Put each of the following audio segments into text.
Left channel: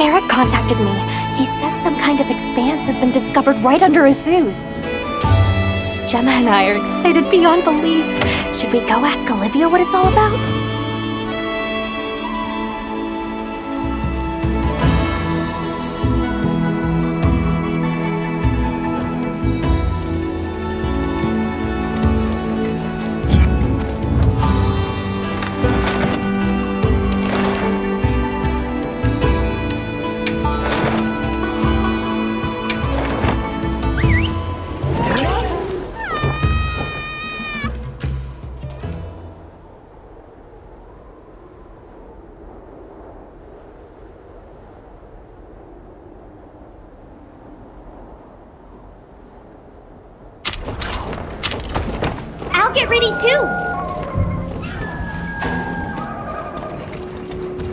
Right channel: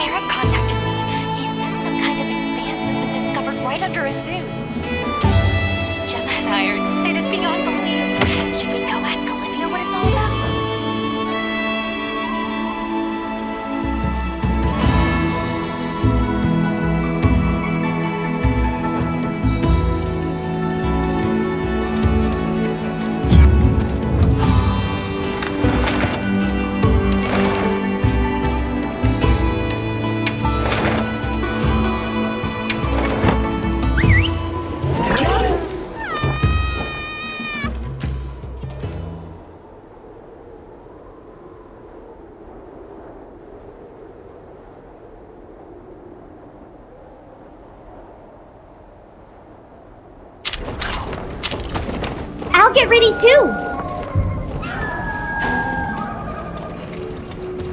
Eric contacted me. He says some kind of expanse has been discovered right under Azu's. Gemma and I are excited beyond belief. Should we go ask Olivia what it's all about? I'll get ready too!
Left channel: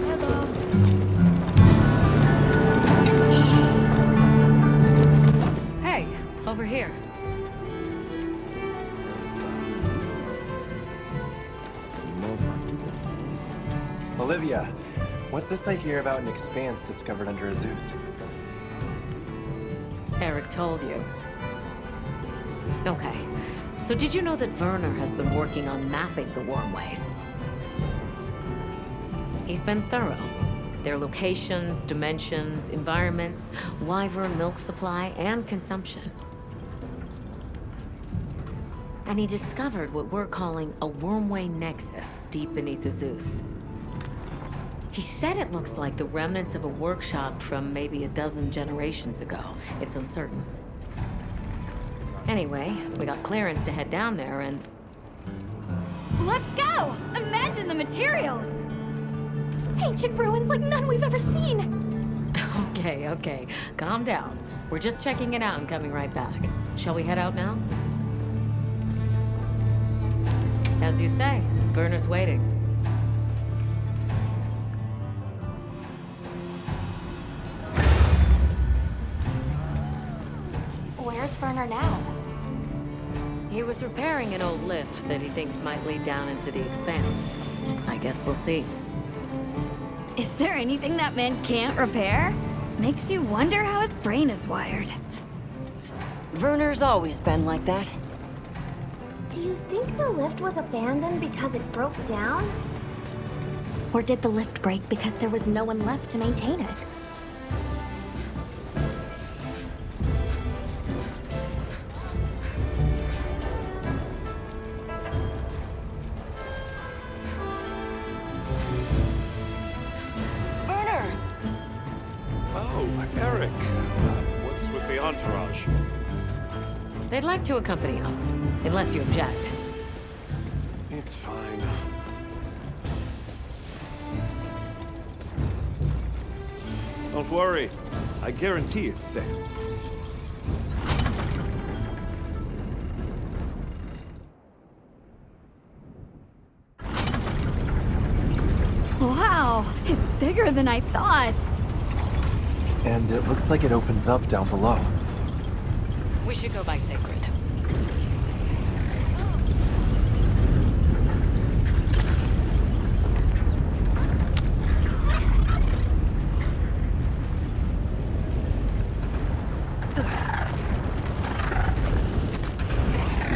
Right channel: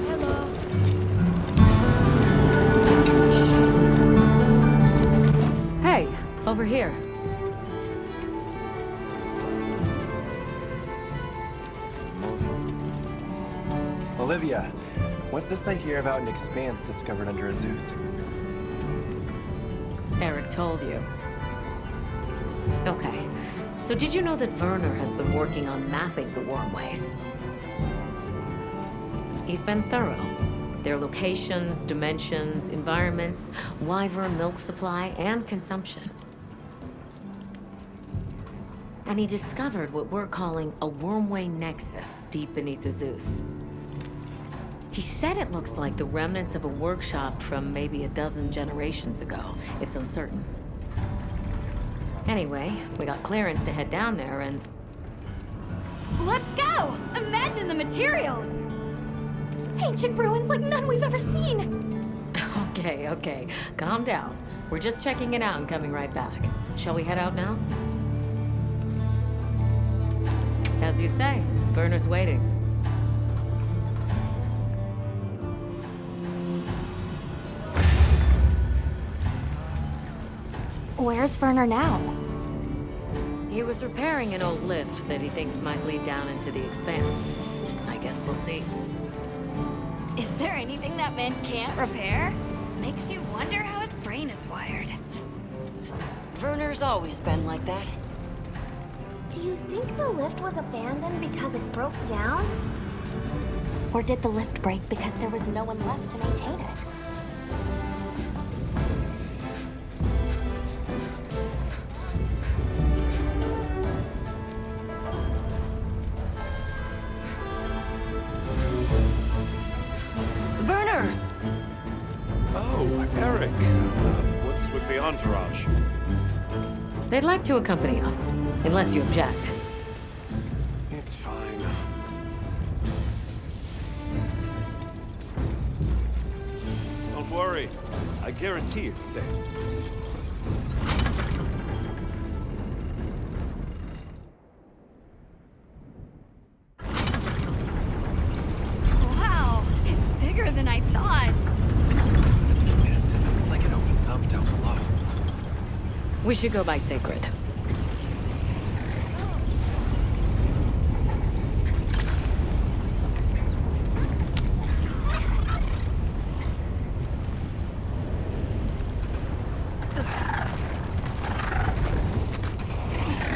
Hello. Hey, over here. Olivia, what's this I hear about an expanse discovered under Azu's? Eric told you. Okay. So did you know that Werner has been working on mapping the wormways? He's been thorough. Their locations, dimensions, environments, wyvern milk supply, and consumption. And he discovered what we're calling a wormway nexus deep beneath the Zeus. He said it looks like the remnants of a workshop from maybe a dozen generations ago. It's uncertain. Anyway, we got clearance to head down there and... Let's go! Imagine the materials! Ancient ruins like none we've ever seen! Okay. Calm down. We're just checking it out and coming right back. Shall we head out now? As you say, Werner's waiting. Where's Werner now? He was repairing an old lift that he thinks might lead down into the expanse. I guess we'll see. Is there anything that man can't repair? Makes you wonder how his brain is wired. Werner's always been like that. Do you think the lift was abandoned because it broke down? Or did the lift break because there was no one left to maintain it? Werner! Oh, Eric. What's with the entourage? They'd like to accompany us, unless you object. It's fine. Don't worry. I guarantee it's safe. Wow, it's bigger than I thought. And it looks like it opens up down below. We should go by Sacred.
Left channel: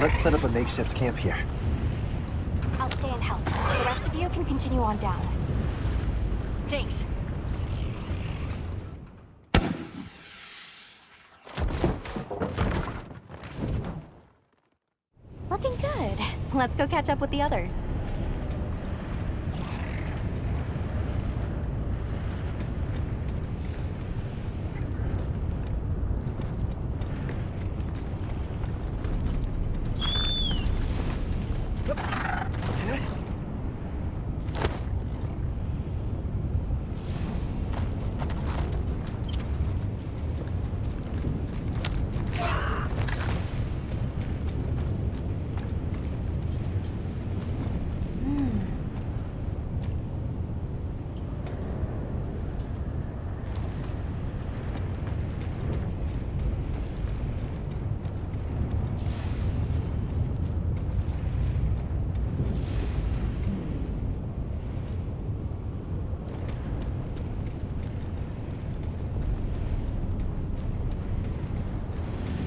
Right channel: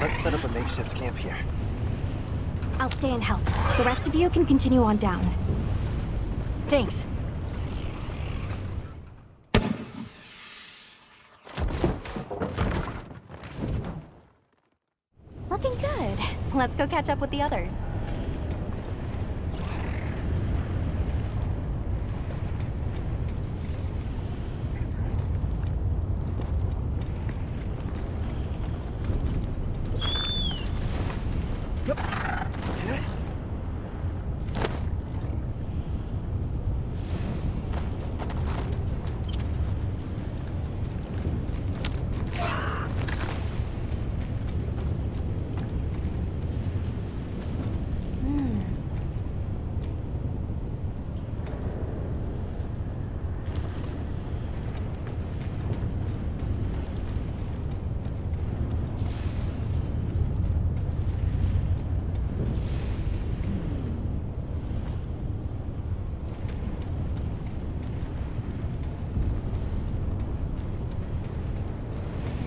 Let's set up a makeshift camp here. I'll stay and help. The rest of you can continue on down. Thanks. Looking good. Let's go catch up with the others.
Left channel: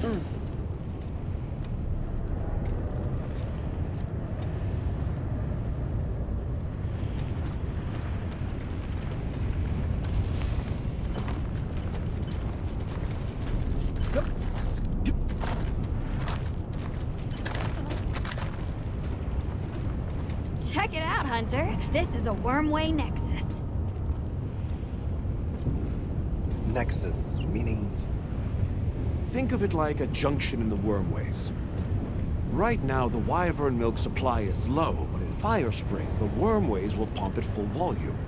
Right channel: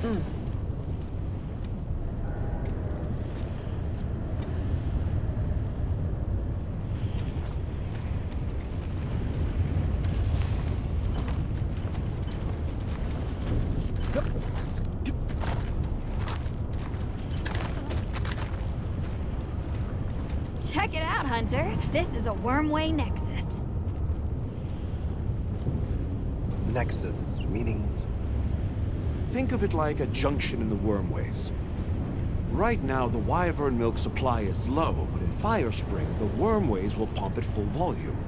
Check it out, Hunter. This is a Wormway Nexus. Nexus, meaning... Think of it like a junction in the wormways. Right now, the wyvern milk supply is low, but in Firespring, the wormways will pump at full volume.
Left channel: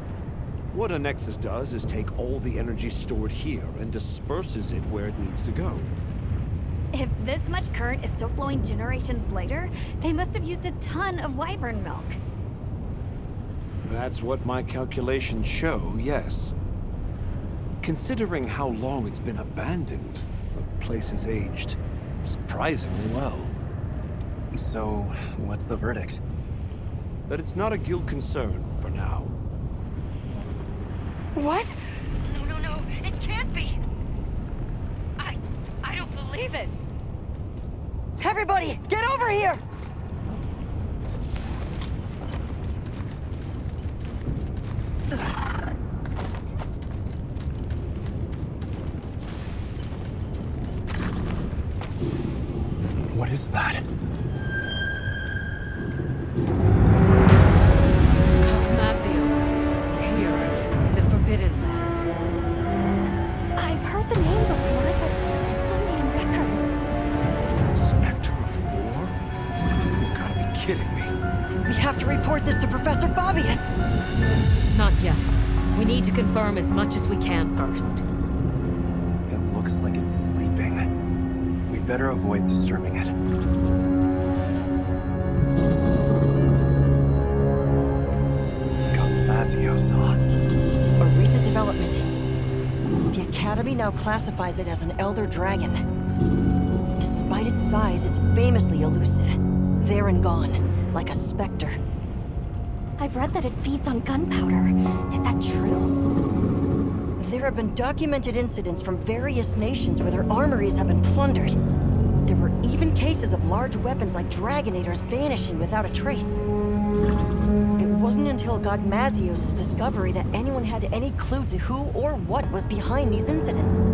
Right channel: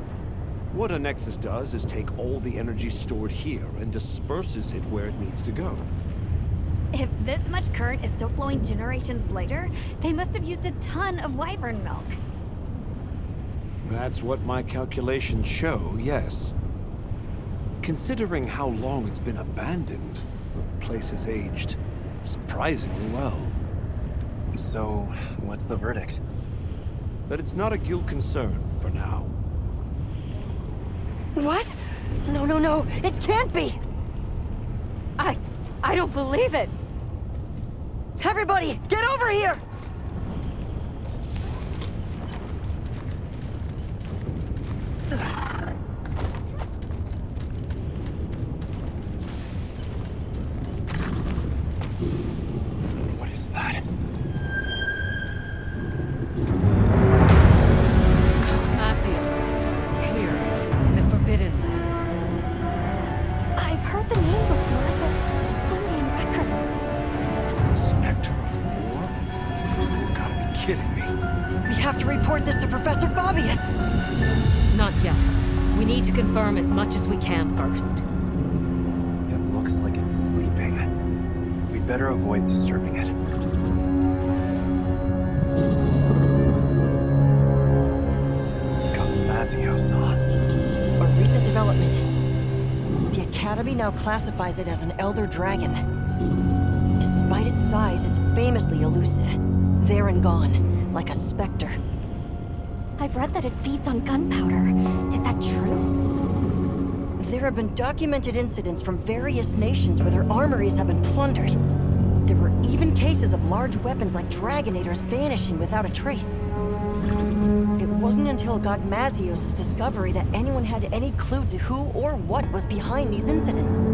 What a nexus does is take all the energy stored here and disperses it where it needs to go. If this much current is still flowing generations later, they must have used a ton of wyvern milk. That's what my calculations show, yes. Considering how long it's been abandoned, the place has aged surprisingly well. So, what's the verdict? That it's not a guild concern for now. What? No, no, no. It can't be. I don't believe it. Everybody, get over here! What is that? Cogmasios, here, in the Forbidden Lands. I've heard the name before, but only in records. The Spectre of War? You've got to be kidding me. We have to report this to Professor Fabius! Not yet. We need to confirm as much as we can first. It looks like it's sleeping. We'd better avoid disturbing it. Cogmasios, huh? A recent development. The Academy now classifies it as an Elder Dragon. Despite its size, it's famously elusive. There and gone, like a specter. I've read that it feeds on gunpowder. Is that true? There have been documented incidents from various nations where their armories have been plundered. There were even cases of large weapons like Dragonators vanishing without a trace. It wasn't until Cogmasios' discovery that anyone had any clue to who or what was behind these incidents.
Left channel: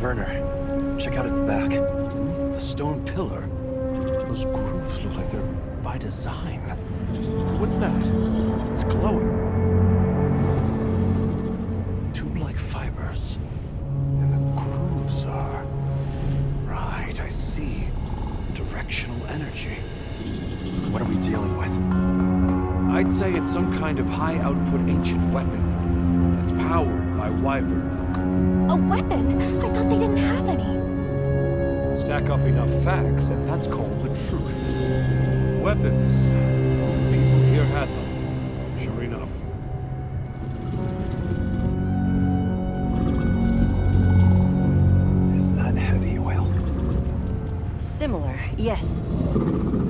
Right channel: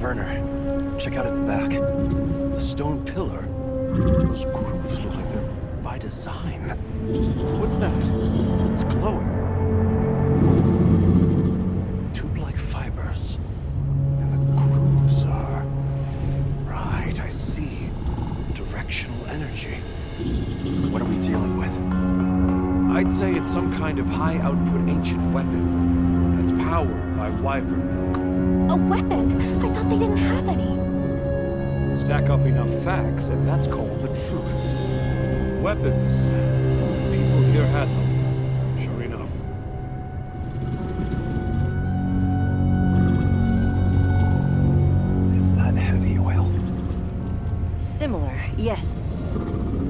Werner, check out its back. The stone pillar? Those grooves look like they're by design. What's that? It's glowing. Tube-like fibers. And the grooves are... Right, I see. Directional energy. What are we dealing with? I'd say it's some kind of high-output ancient weapon that's powered by wyvern milk. A weapon? I thought they didn't have any. Stack up enough facts, and that's called the truth. Weapons. The people here had them. Sure enough. Is that heavy oil? Similar, yes.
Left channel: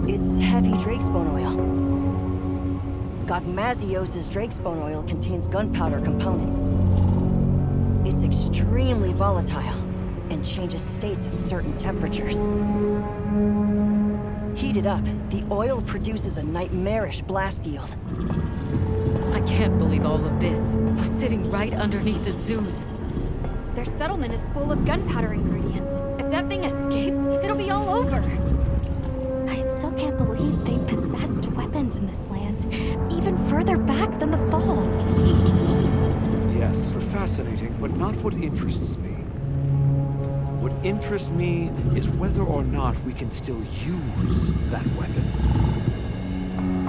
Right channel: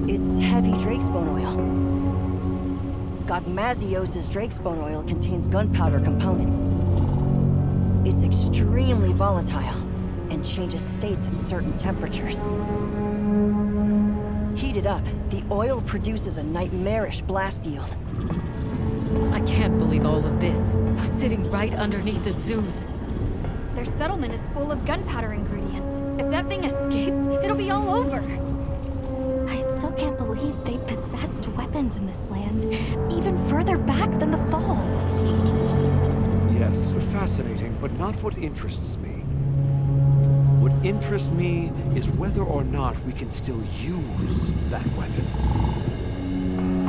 It's heavy drakesbone oil. Cogmasios' drakesbone oil contains gunpowder components. It's extremely volatile and changes states at certain temperatures. Heated up, the oil produces a nightmarish blast yield. I can't believe all of this was sitting right underneath the zoos. Their settlement is full of gunpowder ingredients. If that thing escapes, it'll be all over. I still can't believe they possessed weapons in this land, even further back than the Fall. Yes, fascinating, but not what interests me. What interests me is whether or not we can still use that weapon.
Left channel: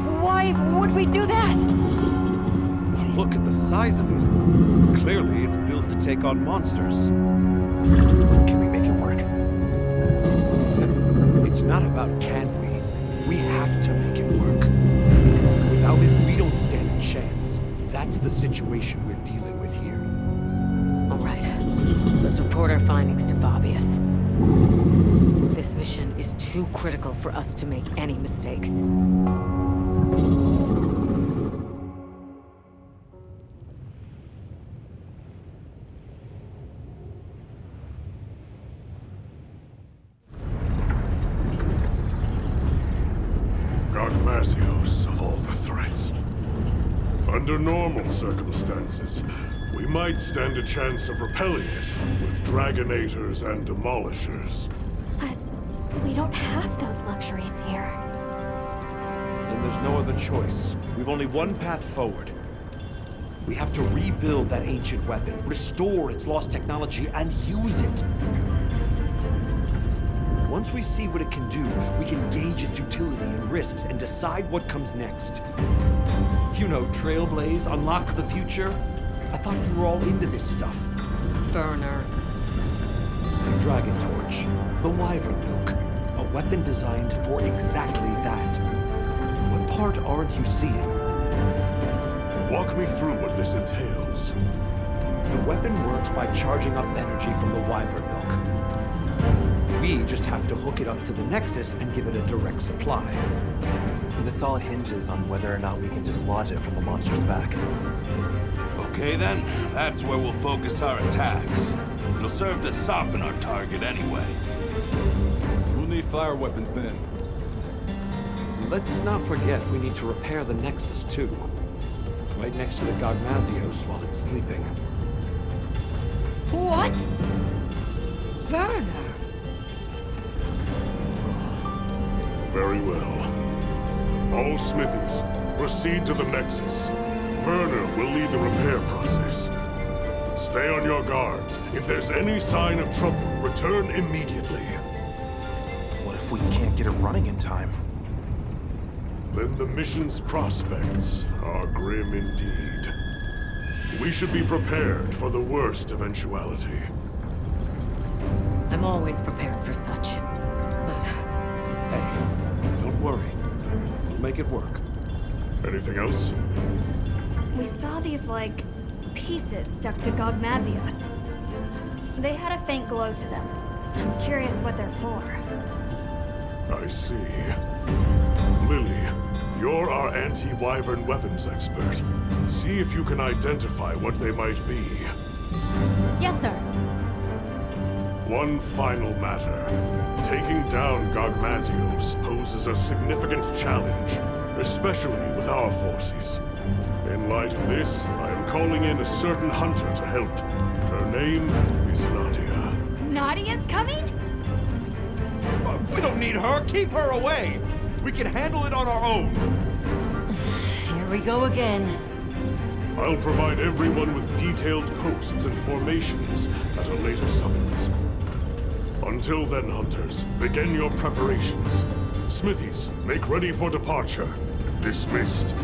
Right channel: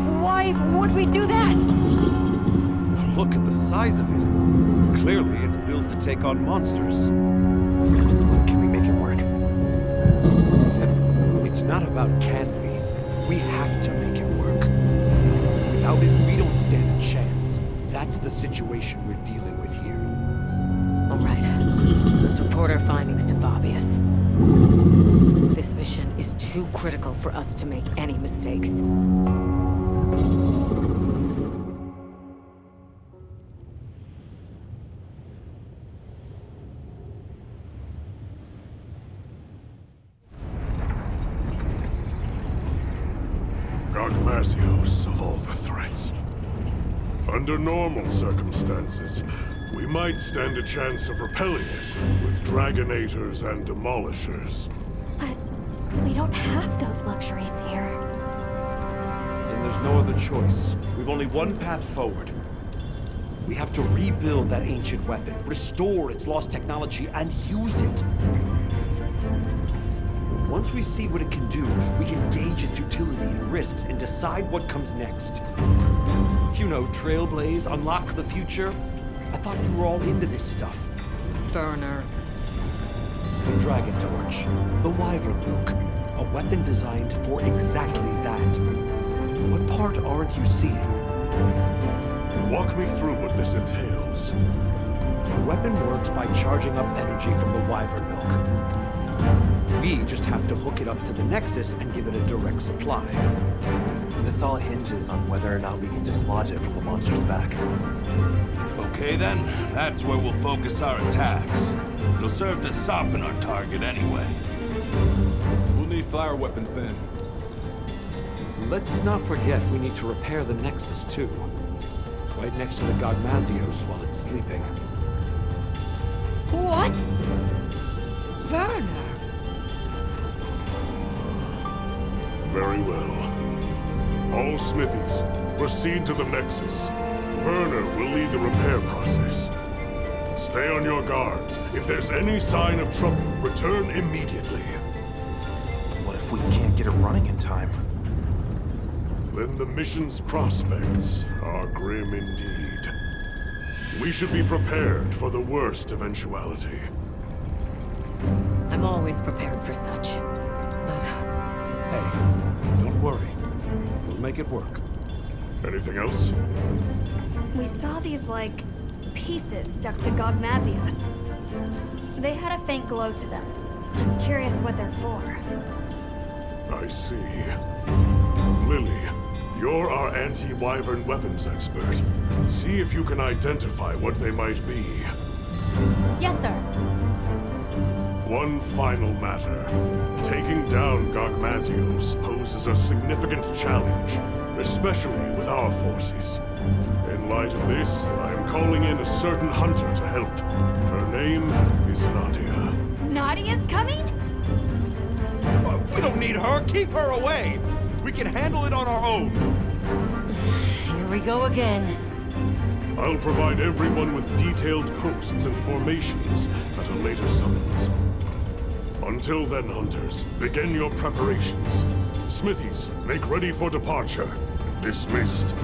Why would we do that? Look at the size of it. Clearly, it's built to take on monsters. Can we make it work? It's not about can we. We have to make it work. Without it, we don't stand a chance. That's the situation we're dealing with here. All right. Let's report our findings to Fabius. This mission is too critical for us to make any mistakes. Gogmazios of all the threats. Under normal circumstances, we might stand a chance of repelling it with Dragonators and Demolishers. But we don't have those luxuries here. Then there's no other choice. We've only one path forward. We have to rebuild that ancient weapon, restore its lost technology, and use it. Once we see what it can do, we can gauge its utility and risks and decide what comes next. You know, trailblaze, unlock the future. I thought you were all into this stuff. Werner. The Dragon Torch, the Wyvern Milk, a weapon designed for exactly that. What part aren't you seeing? Walk me through what this entails. The weapon works by charging up energy from the Wyvern Milk. We just have to hook it up to the Nexus and give it a direct supply. This all hinges on whether or not we can dislodge it from the monster's back. Okay then, that's where we'll focus our attacks. It'll serve to soften our target anyway. We'll need fire weapons then. Let's not forget we need to repair the Nexus too. Right next to the Gogmazios while it's sleeping. What? Werner! Very well. All smithies, proceed to the Nexus. Werner will lead the repair process. Stay on your guards. If there's any sign of trouble, return immediately. What if we can't get it running in time? Then the mission's prospects are grim indeed. We should be prepared for the worst eventuality. I'm always prepared for such. But Hey, don't worry. We'll make it work. Anything else? We saw these, like, pieces stuck to Gogmazios. They had a faint glow to them. I'm curious what they're for. I see. Lily, you're our anti-Wyvern weapons expert. See if you can identify what they might be. Yes, sir. One final matter. Taking down Gogmazios poses a significant challenge, especially with our forces. In light of this, I am calling in a certain hunter to help. Her name is Nadia. Nadia's coming? We don't need her! Keep her away! We can handle it on our own! here we go again. I'll provide everyone with detailed posts and formations at a later summons. Until then, hunters, begin your preparations. Smithies, make ready for departure. Dismissed.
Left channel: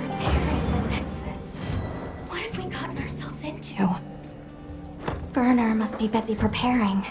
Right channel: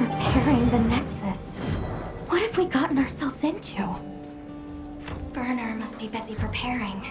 Repairing the Nexus. What have we gotten ourselves into? Werner must be busy preparing.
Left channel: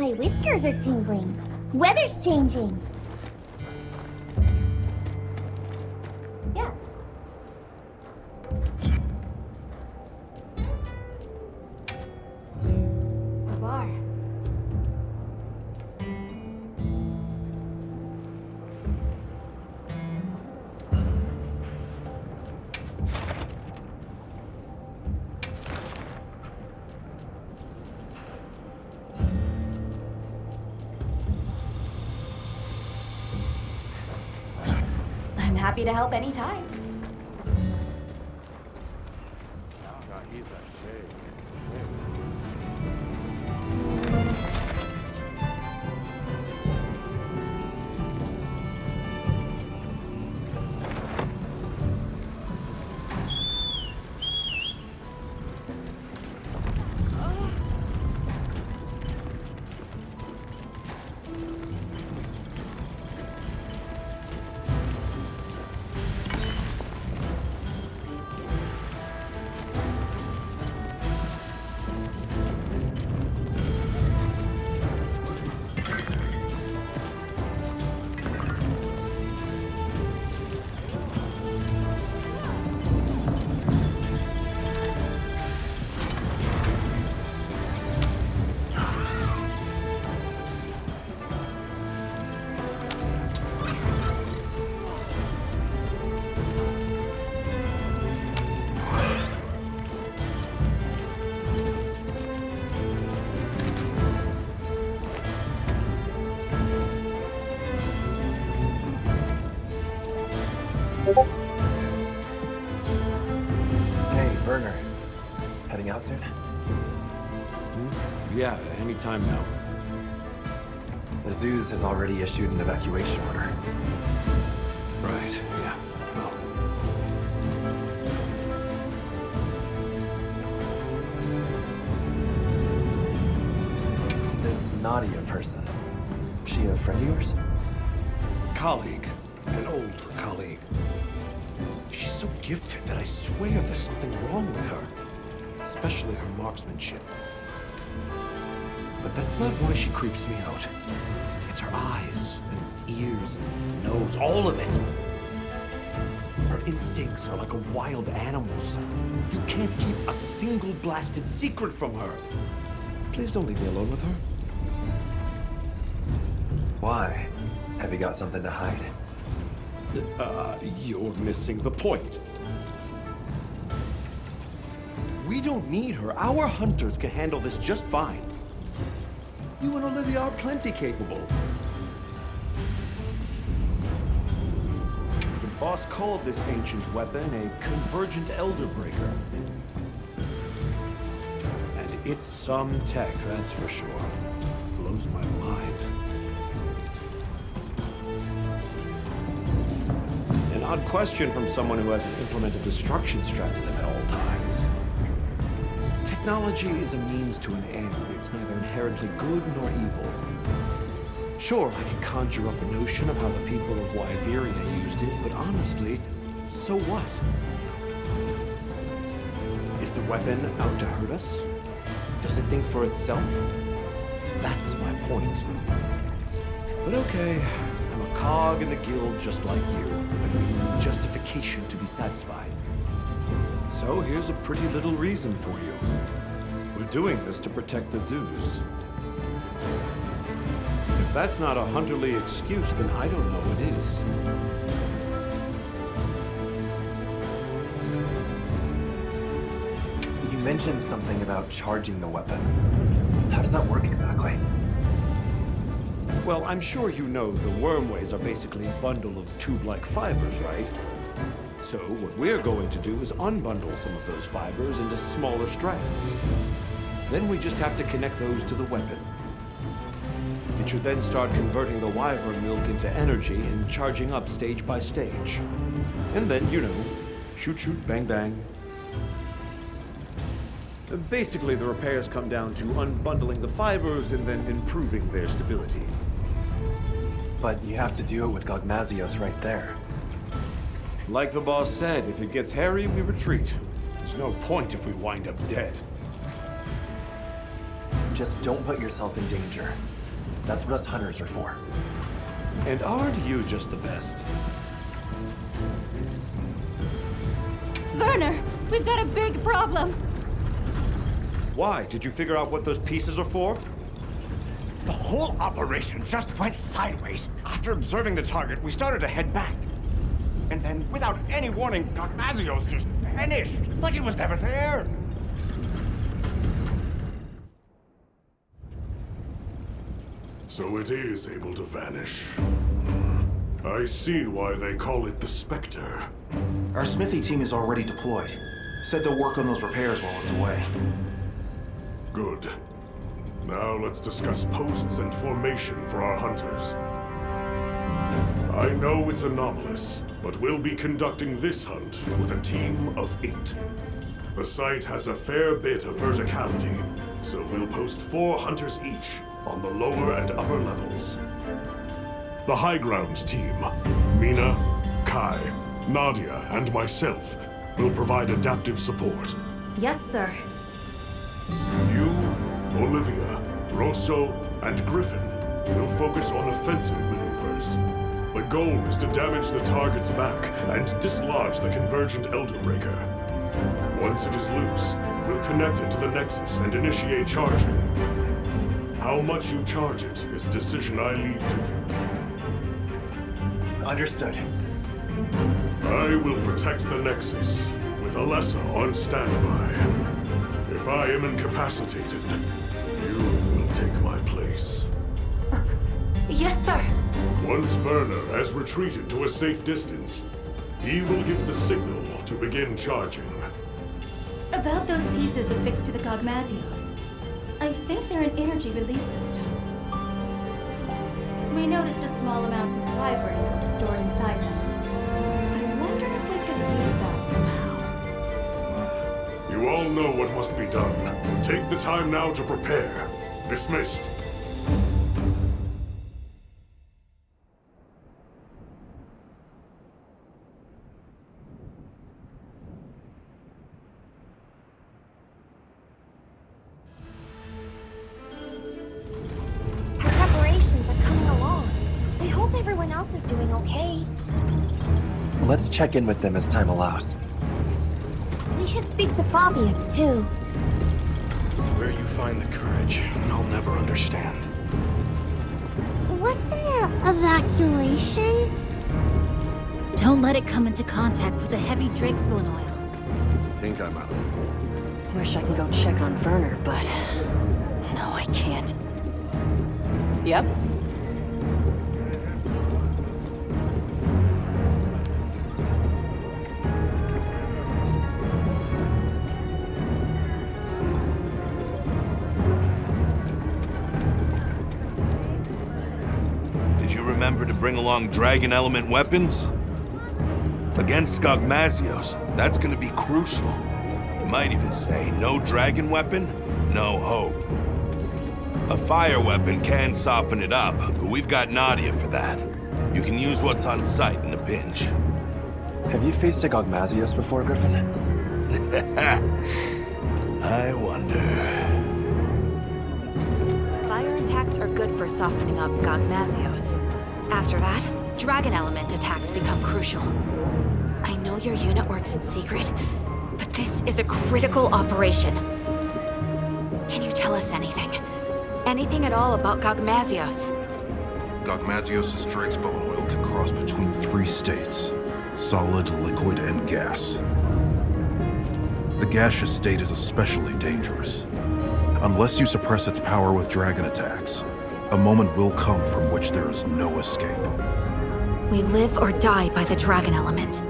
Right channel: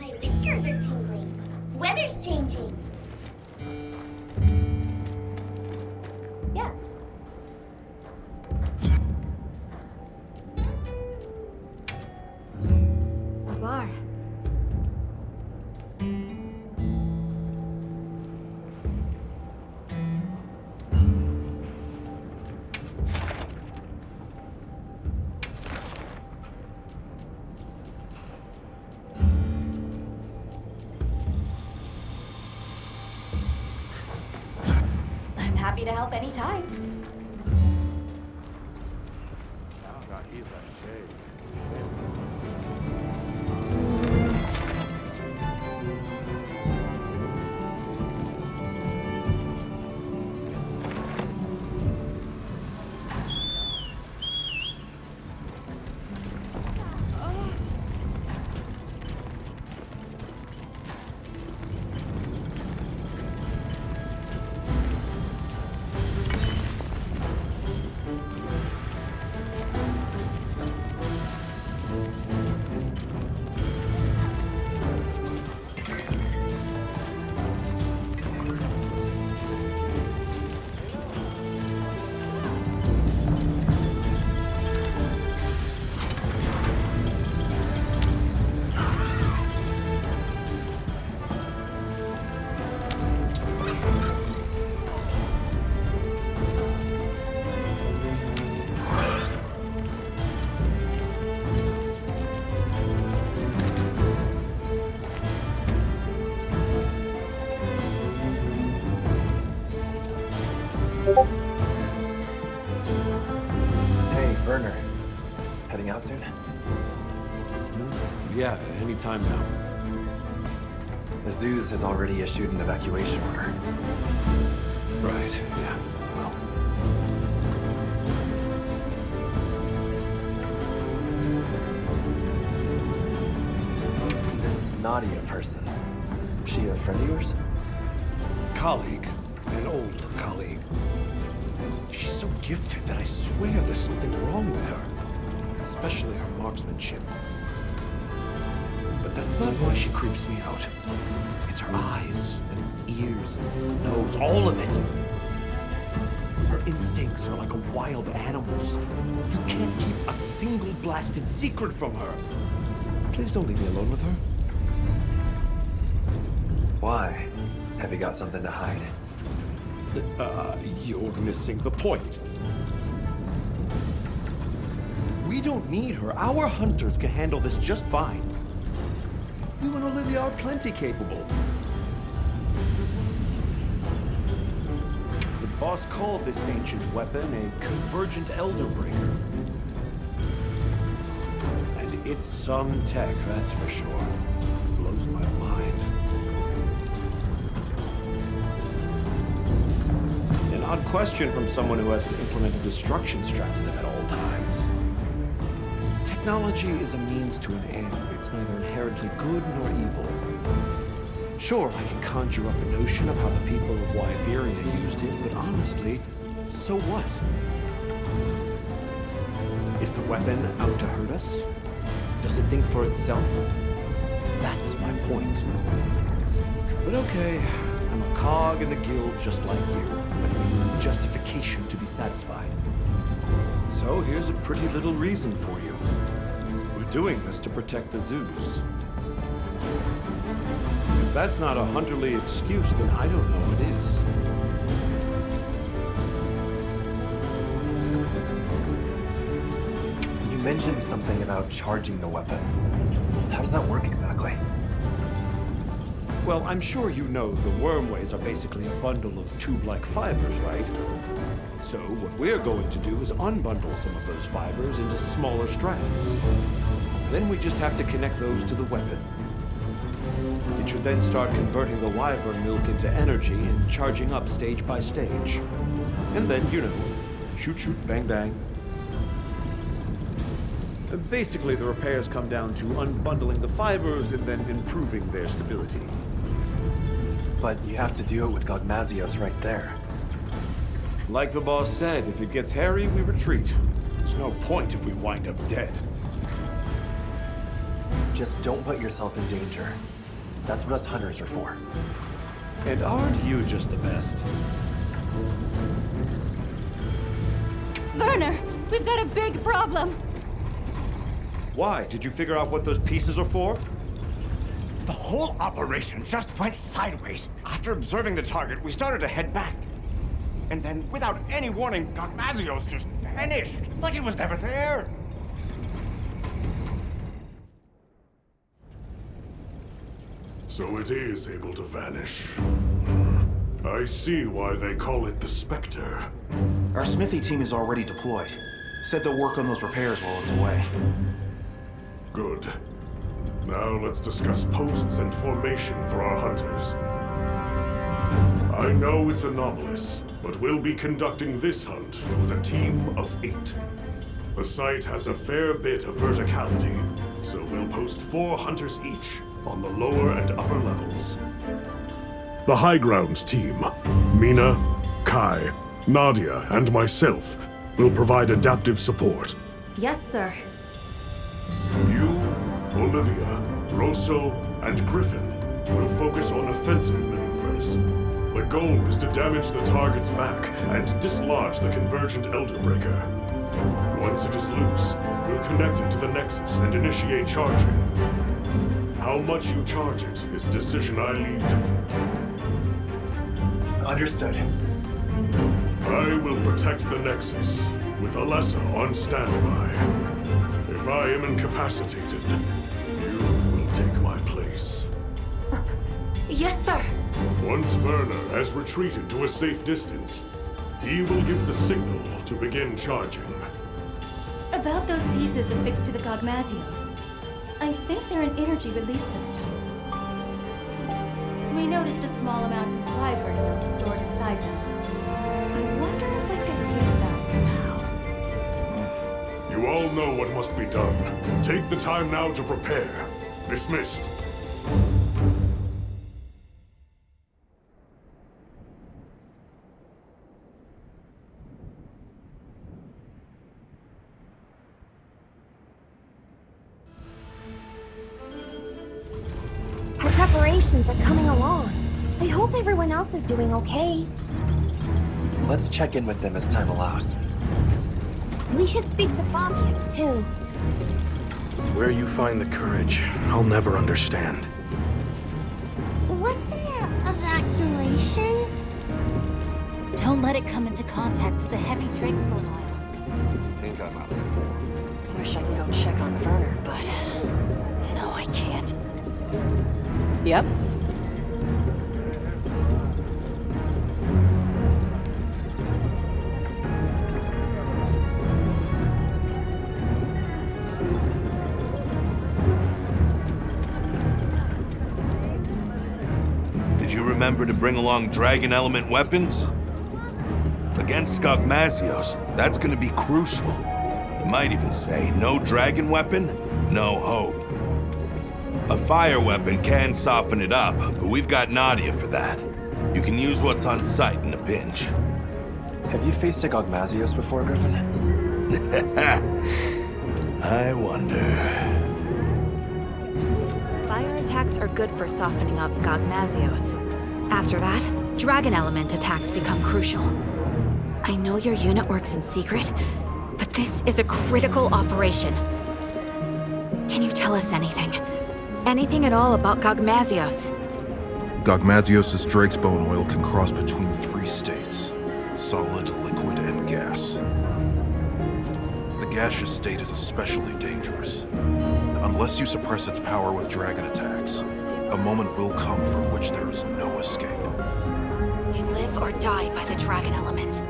My whiskers are tingling. Weather's changing. Yes. Svar. I'm happy to help anytime. Hey, Werner. Heading out soon? Yeah, anytime now. The Zeus has already issued an evacuation order. Right, yeah. Well, This Nadia person, she a friend of yours? colleague. An old colleague. She's so gifted that I swear there's something wrong with her. Especially her marksmanship. But that's not why she creeps me out. It's her eyes and ears and nose, all of it. Her instincts are like a wild animal's. You can't keep a single blasted secret from her. Please don't leave me alone with her. Why? Have you got something to hide? You're missing the point. We don't need her. Our hunters can handle this just fine. You and Olivia are plenty capable. The boss called this ancient weapon a convergent elder breaker. And it's some tech, that's for sure. Blows my mind. An odd question from someone who has an implement of destruction strapped to them at all times. Technology is a means to an end. It's neither inherently good nor evil. Sure, I can conjure up a notion of how the people of Wyveria used it, but honestly, so what? Is the weapon out to hurt us? Does it think for itself? That's my point. But okay, I'm a cog in the guild just like you. I know you need justification to be satisfied. So here's a pretty little reason for you. We're doing this to protect the Zeus. If that's not a hunterly excuse, then I don't know what is. You mentioned something about charging the weapon. How does that work exactly? Well, I'm sure you know the wormways are basically a bundle of tube-like fibers, right? So what we're going to do is unbundle some of those fibers into smaller strands. Then we just have to connect those to the weapon. It should then start converting the wyvern milk into energy and charging up stage by stage. And then, you know, shoot, shoot, bang, bang. Basically, the repairs come down to unbundling the fibers and then improving their stability. But you have to do it with Gogmazios right there. Like the boss said, if it gets hairy, we retreat. There's no point if we wind up dead. Just don't put yourself in danger. That's what us hunters are for. And aren't you just the best? Werner, we've got a big problem. Why? Did you figure out what those pieces are for? The whole operation just went sideways. After observing the target, we started to head back. And then, without any warning, Gogmazios just vanished, like it was never there. So it is able to vanish. I see why they call it the Spectre. Our smithy team is already deployed. Said they'll work on those repairs while it's away. Good. Now let's discuss posts and formation for our hunters. I know it's anomalous, but we'll be conducting this hunt with a team of 8. The site has a fair bit of verticality, so we'll post 4 hunters each on the lower and upper levels. The high grounds team, Mina, Kai, Nadia, and myself, will provide adaptive support. Yes, sir. You, Olivia, Rosso, and Griffin will focus on offensive maneuvers. The goal is to damage the target's back and dislodge the convergent Elderbreaker. Once it is loose, we'll connect it to the Nexus and initiate charging. How much you charge it is a decision I leave to you. Understood. I will protect the Nexus, with Alessa on standby. If I am incapacitated, you will take my place. Yes, sir. Once Werner has retreated to a safe distance, he will give the signal to begin charging. About those pieces affixed to the Gogmazios. I think they're an energy release system. We noticed a small amount of wyvern milk stored inside them. I wonder if we could use that somehow. You all know what must be done. Take the time now to prepare. Dismissed. Our preparations are coming along. I hope everyone else is doing okay. Let's check in with them as time allows. We should speak to Fabius, too. Where you find the courage, I'll never understand. What's an evacuation? Don't let it come into contact with the heavy Drakesbone oil. Think I'm Wish I can go check on Werner, but... no, I can't. Yep. Did you remember to bring along dragon element weapons? Against Gogmazios, that's gonna be crucial. You might even say, no dragon weapon, no hope. A fire weapon can soften it up, but we've got Nadia for that. You can use what's on site in a pinch. Have you faced a Gogmazios before, Griffin? I wonder... Fire attacks are good for softening up Gogmazios. After that, dragon element attacks become crucial. I know your unit works in secret, but this is a critical operation. Can you tell us anything? Anything at all about Gogmazios? Gogmazios' Drakesbone oil can cross between 3 states: solid, liquid, and gas. The gaseous state is especially dangerous. Unless you suppress its power with dragon attacks, a moment will come from which there is no escape. We live or die by the dragon element.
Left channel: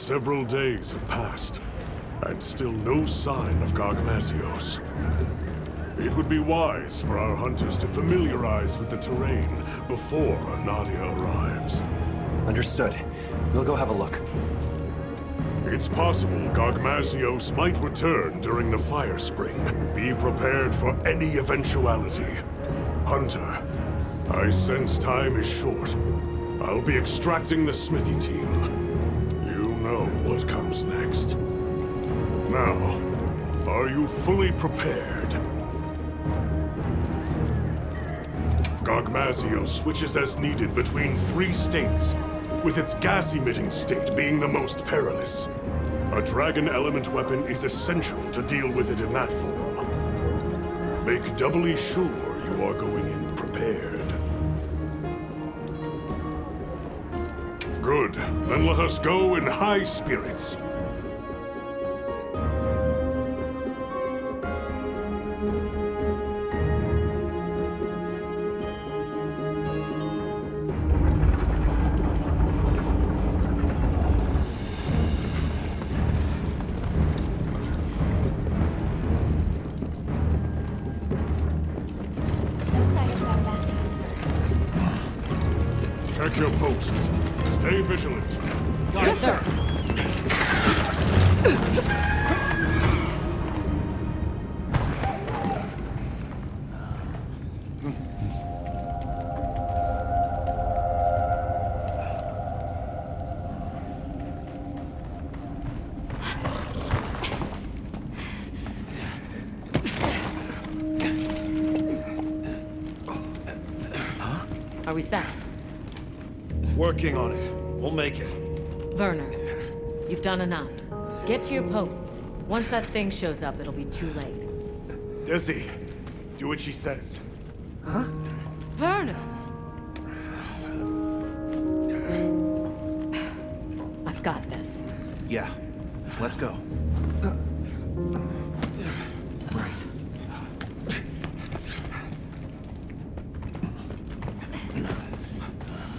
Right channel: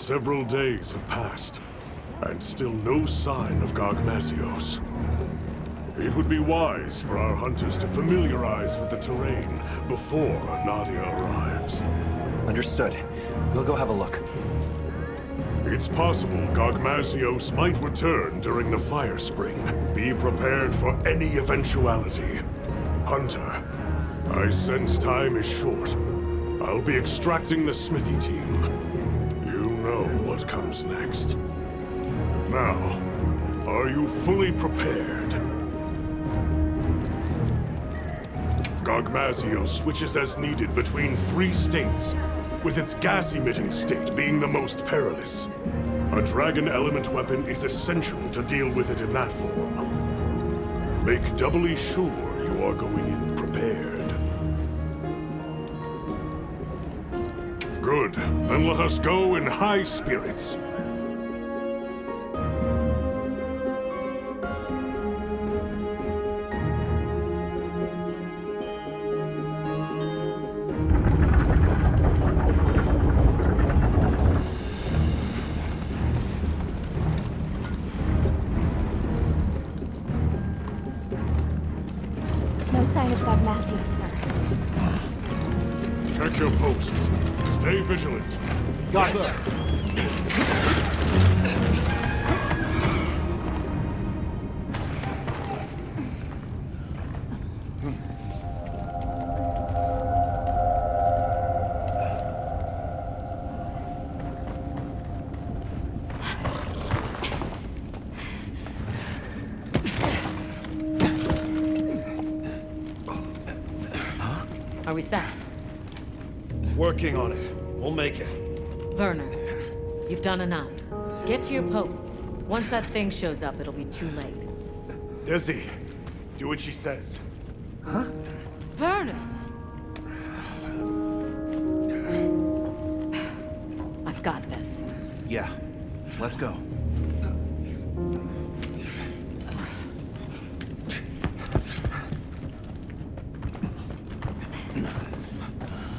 Several days have passed, and still no sign of Gogmazios. It would be wise for our hunters to familiarize with the terrain before Nadia arrives. Understood. We'll go have a look. It's possible Gogmazios might return during the Fire Spring. Be prepared for any eventuality. Hunter, I sense time is short. I'll be extracting the smithy team. You know what comes next. Now, are you fully prepared? Gogmazios switches as needed between 3 states, with its gas-emitting state being the most perilous. A dragon element weapon is essential to deal with it in that form. Make doubly sure you are going in prepared. Good. Then let us go in high spirits. No sign of Gogmazios, sir. Check your posts. Stay vigilant. Got it, sir. Are we set? Working on it. We'll make it. Werner, you've done enough. Get to your posts. Once that thing shows up, it'll be too late. Dizzy, do what she says. Huh? Werner! I've got this. Yeah. Let's go.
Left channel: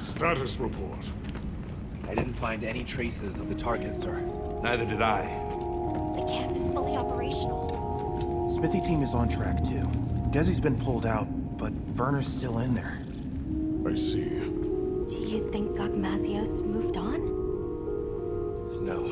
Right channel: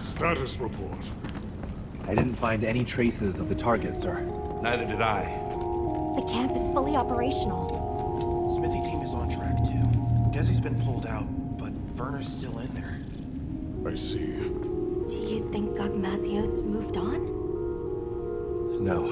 Status report. I didn't find any traces of the target, sir. Neither did I. The camp is fully operational. Smithy team is on track, too. Desi's been pulled out, but Werner's still in there. I see. Do you think Gogmazios moved on? No.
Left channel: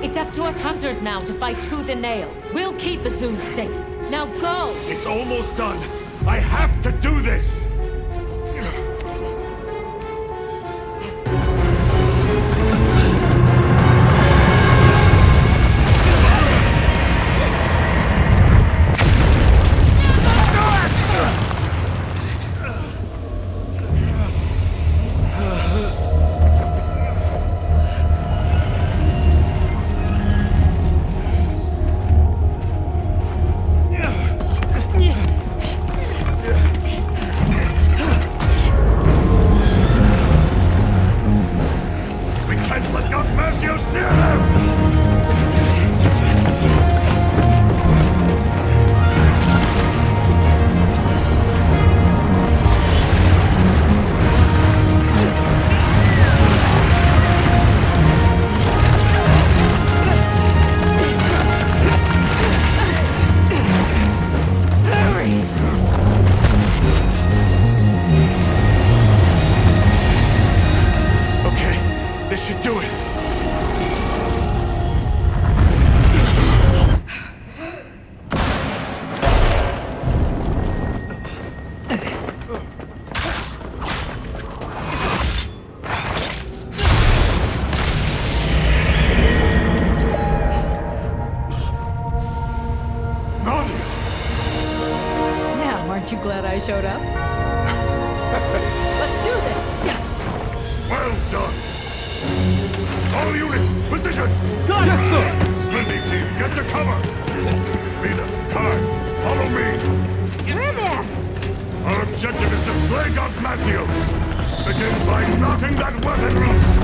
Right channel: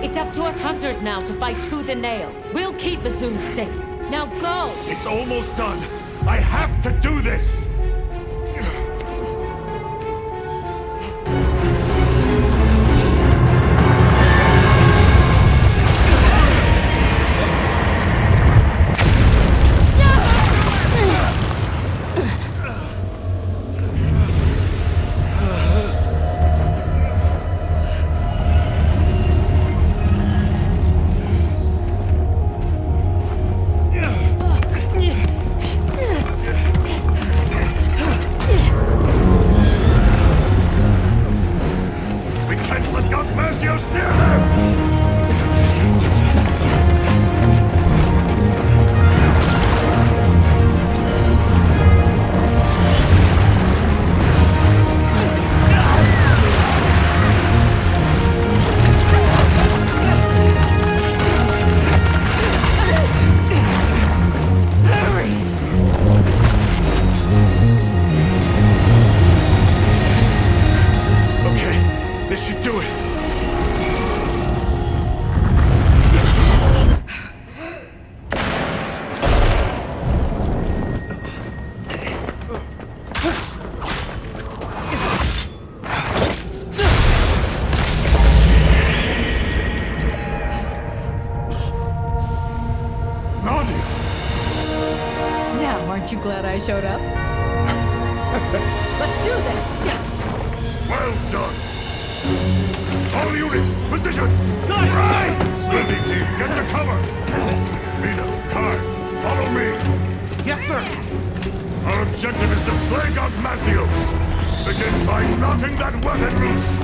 It's up to us hunters now to fight tooth and nail. We'll keep Azuz safe. Now go! It's almost done. I have to do this! We can't let Gogmazios near them! Okay, this should do it. Aren't you glad I showed up? Let's do this! Well done! All units, positions! Yes, sir! Smithy team, get to cover! Mina, Kai, follow me! Yes, sir! Our objective is to slay Gogmasios! Begin by knocking that weapon loose!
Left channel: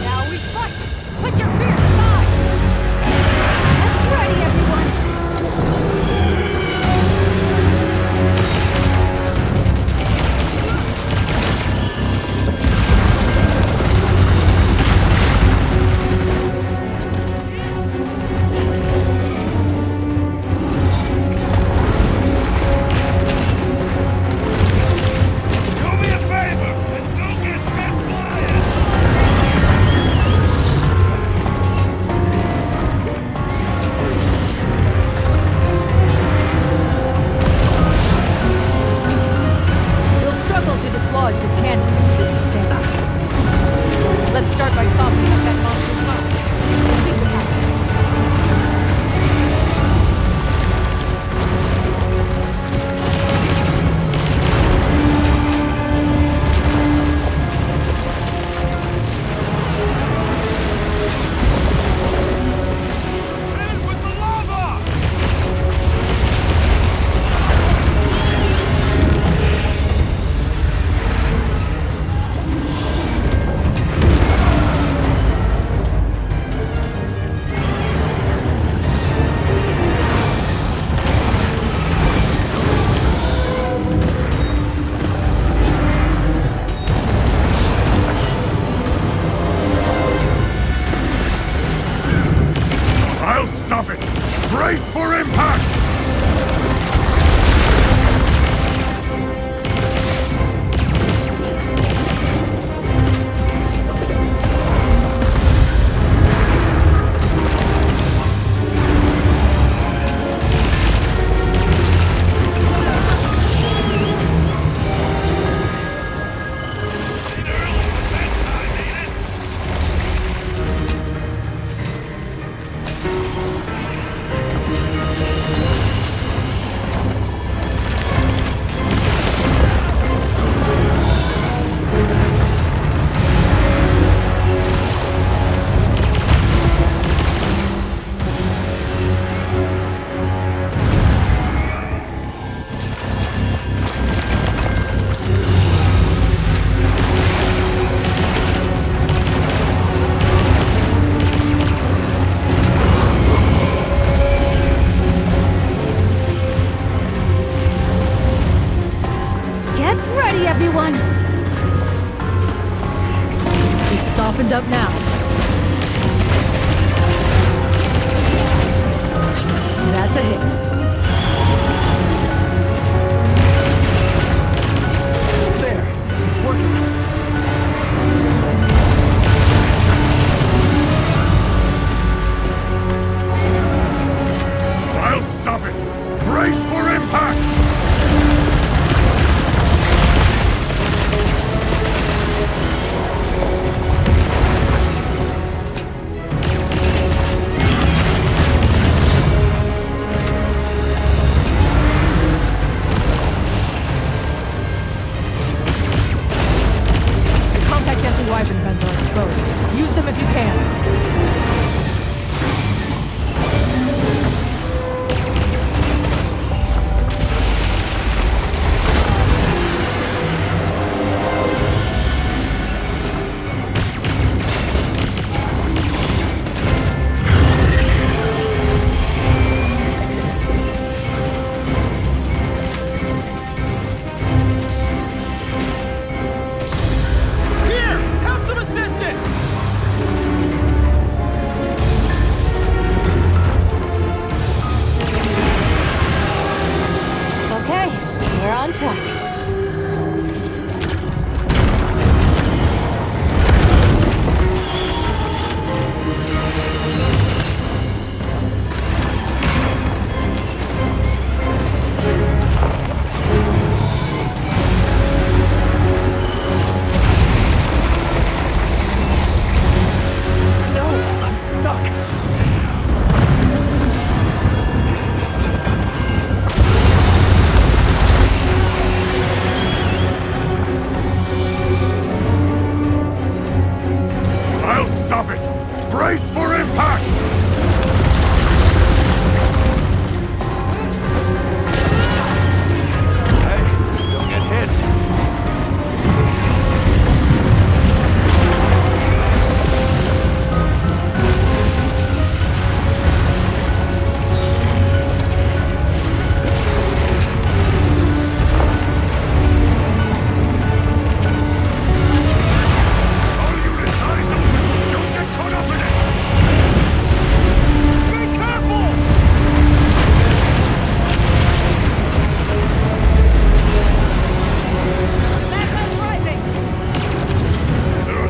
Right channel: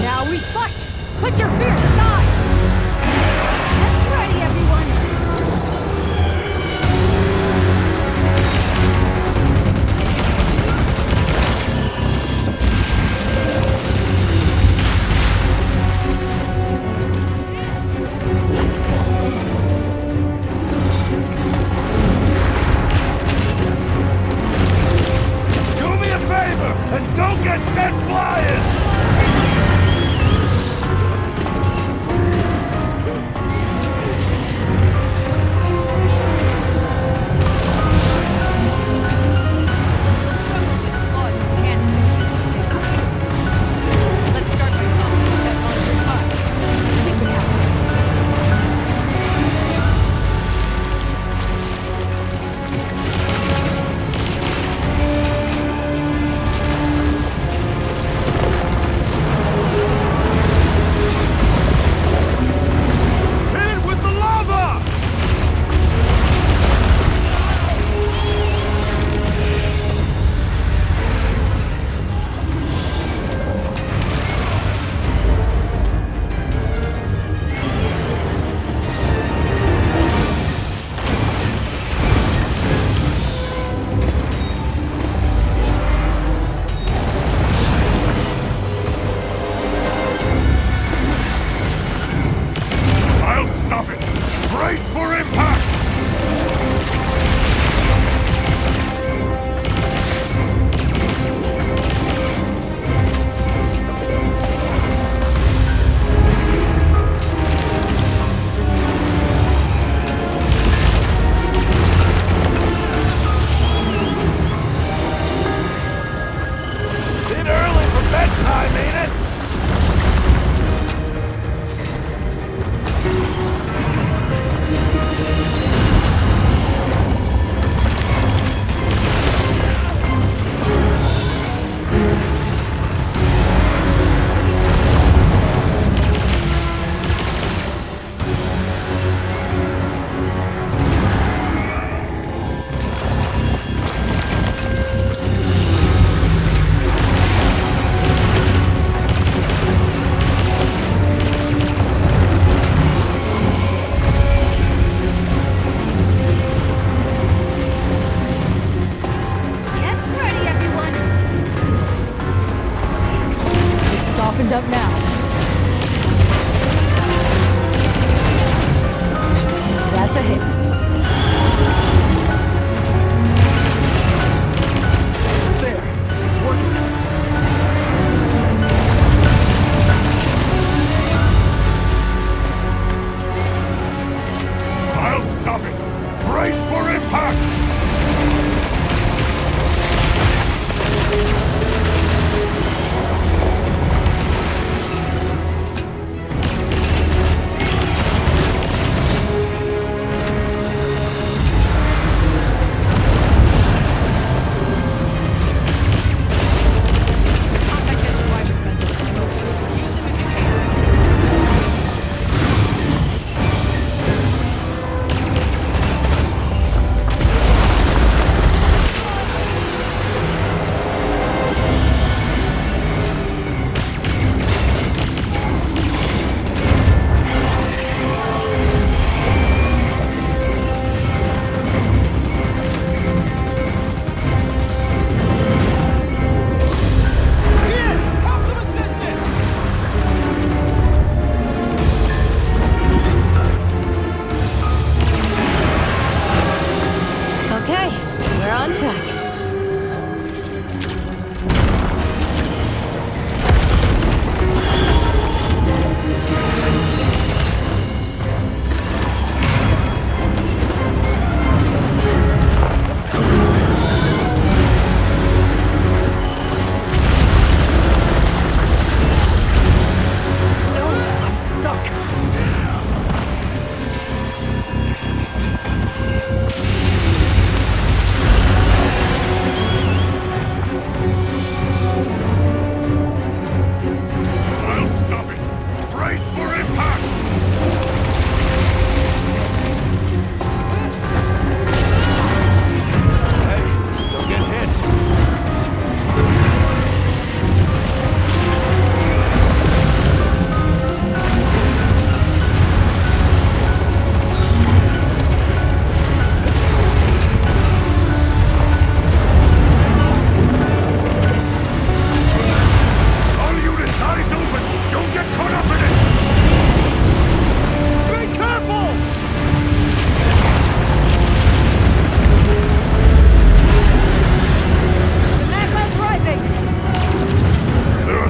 Now we fight! Put your fears aside! Get ready, everyone!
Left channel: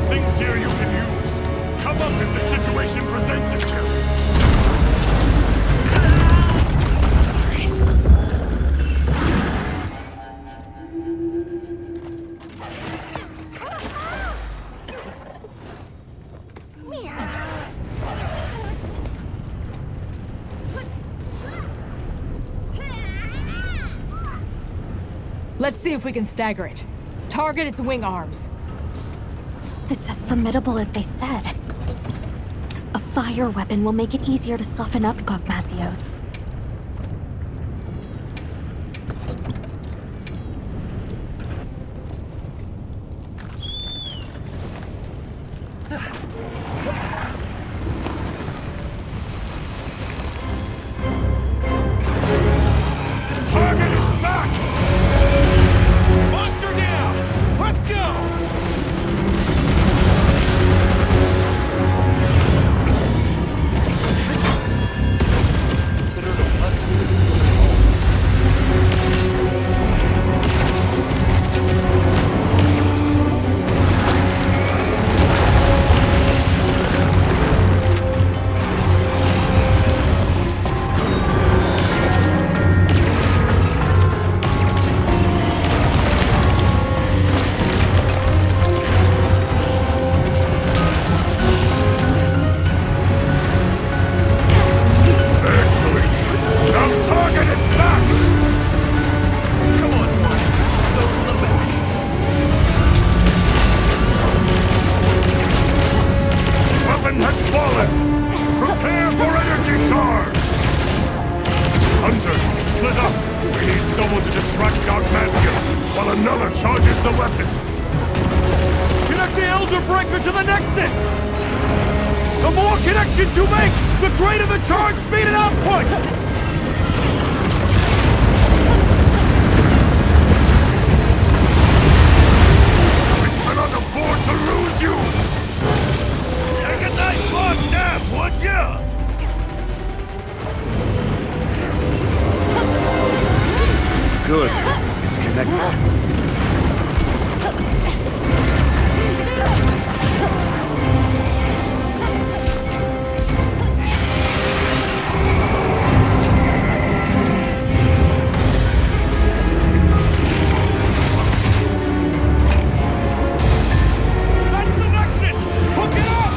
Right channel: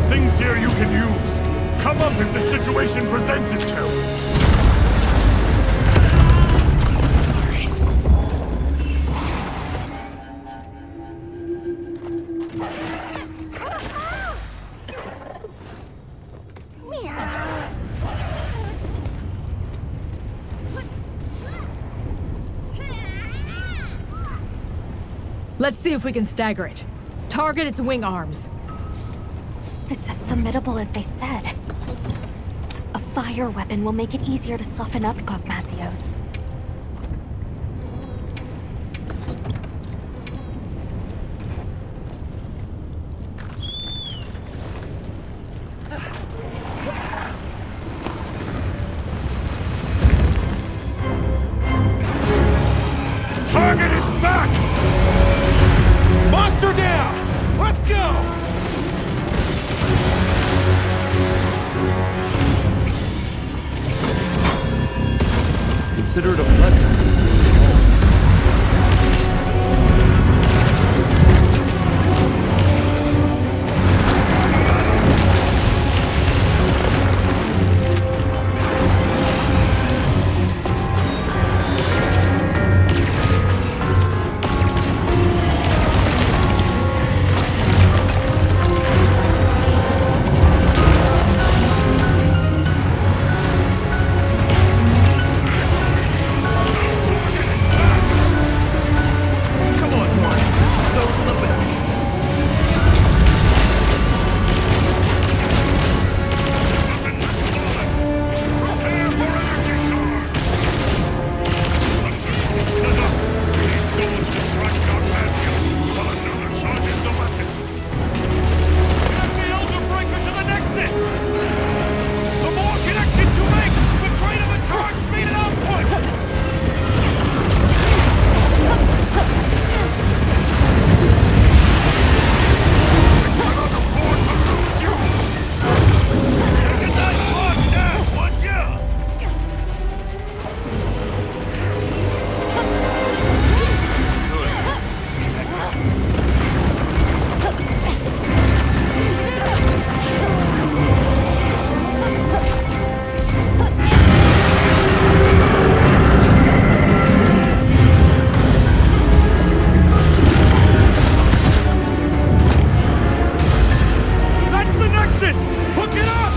things here you can use. Come up if the situation presents itself. Let's see if we can stagger it. Target its wing arms. It's as formidable as they said. A fire weapon will make it easier to soften up Gogmazios. Target its back! Monster down! Let's go! Consider it a blessing for they all. Now target its back! Come on, Juan. Those in the back. Weapon has fallen! Prepare for energy charge! Hunters, split up! We need someone to distract Gogmazios while another charges the weapon! Connect the Elder Breaker to the Nexus! The more connections you make, the greater the charge speed and output! We cannot afford to lose you! Take a nice walk now, would ya? Good. It's connected. That's the Nexus! Look it up!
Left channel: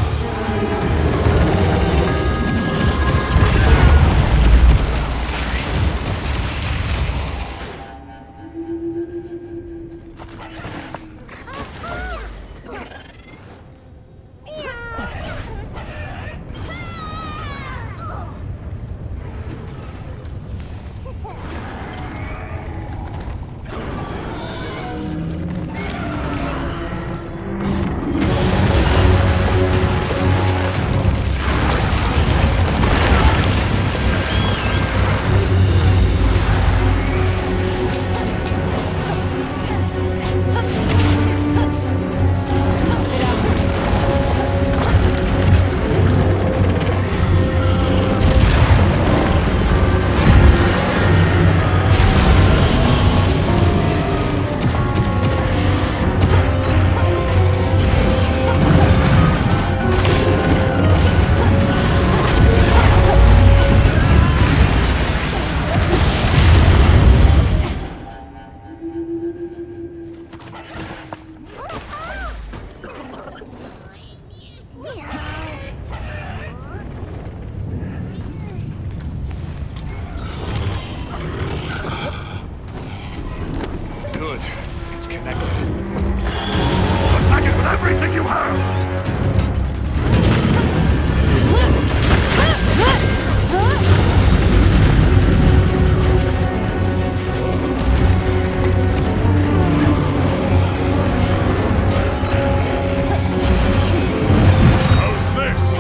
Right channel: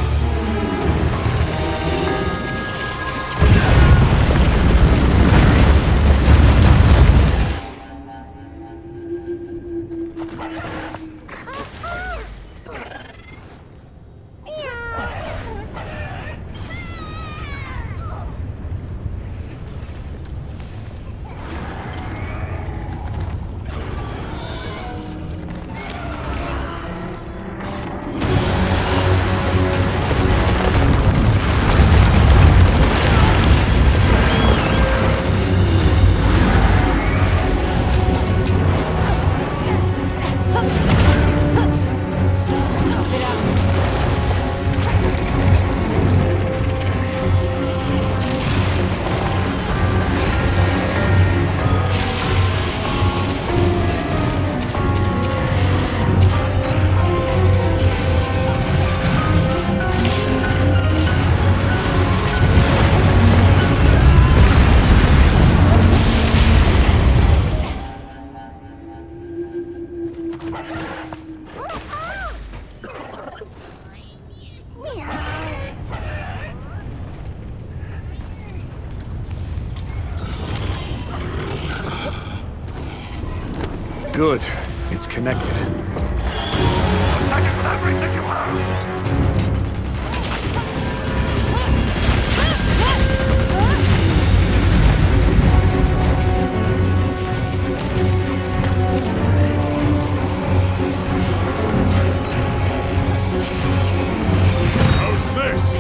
Good. It's connected. Attack it with everything you have! How's this?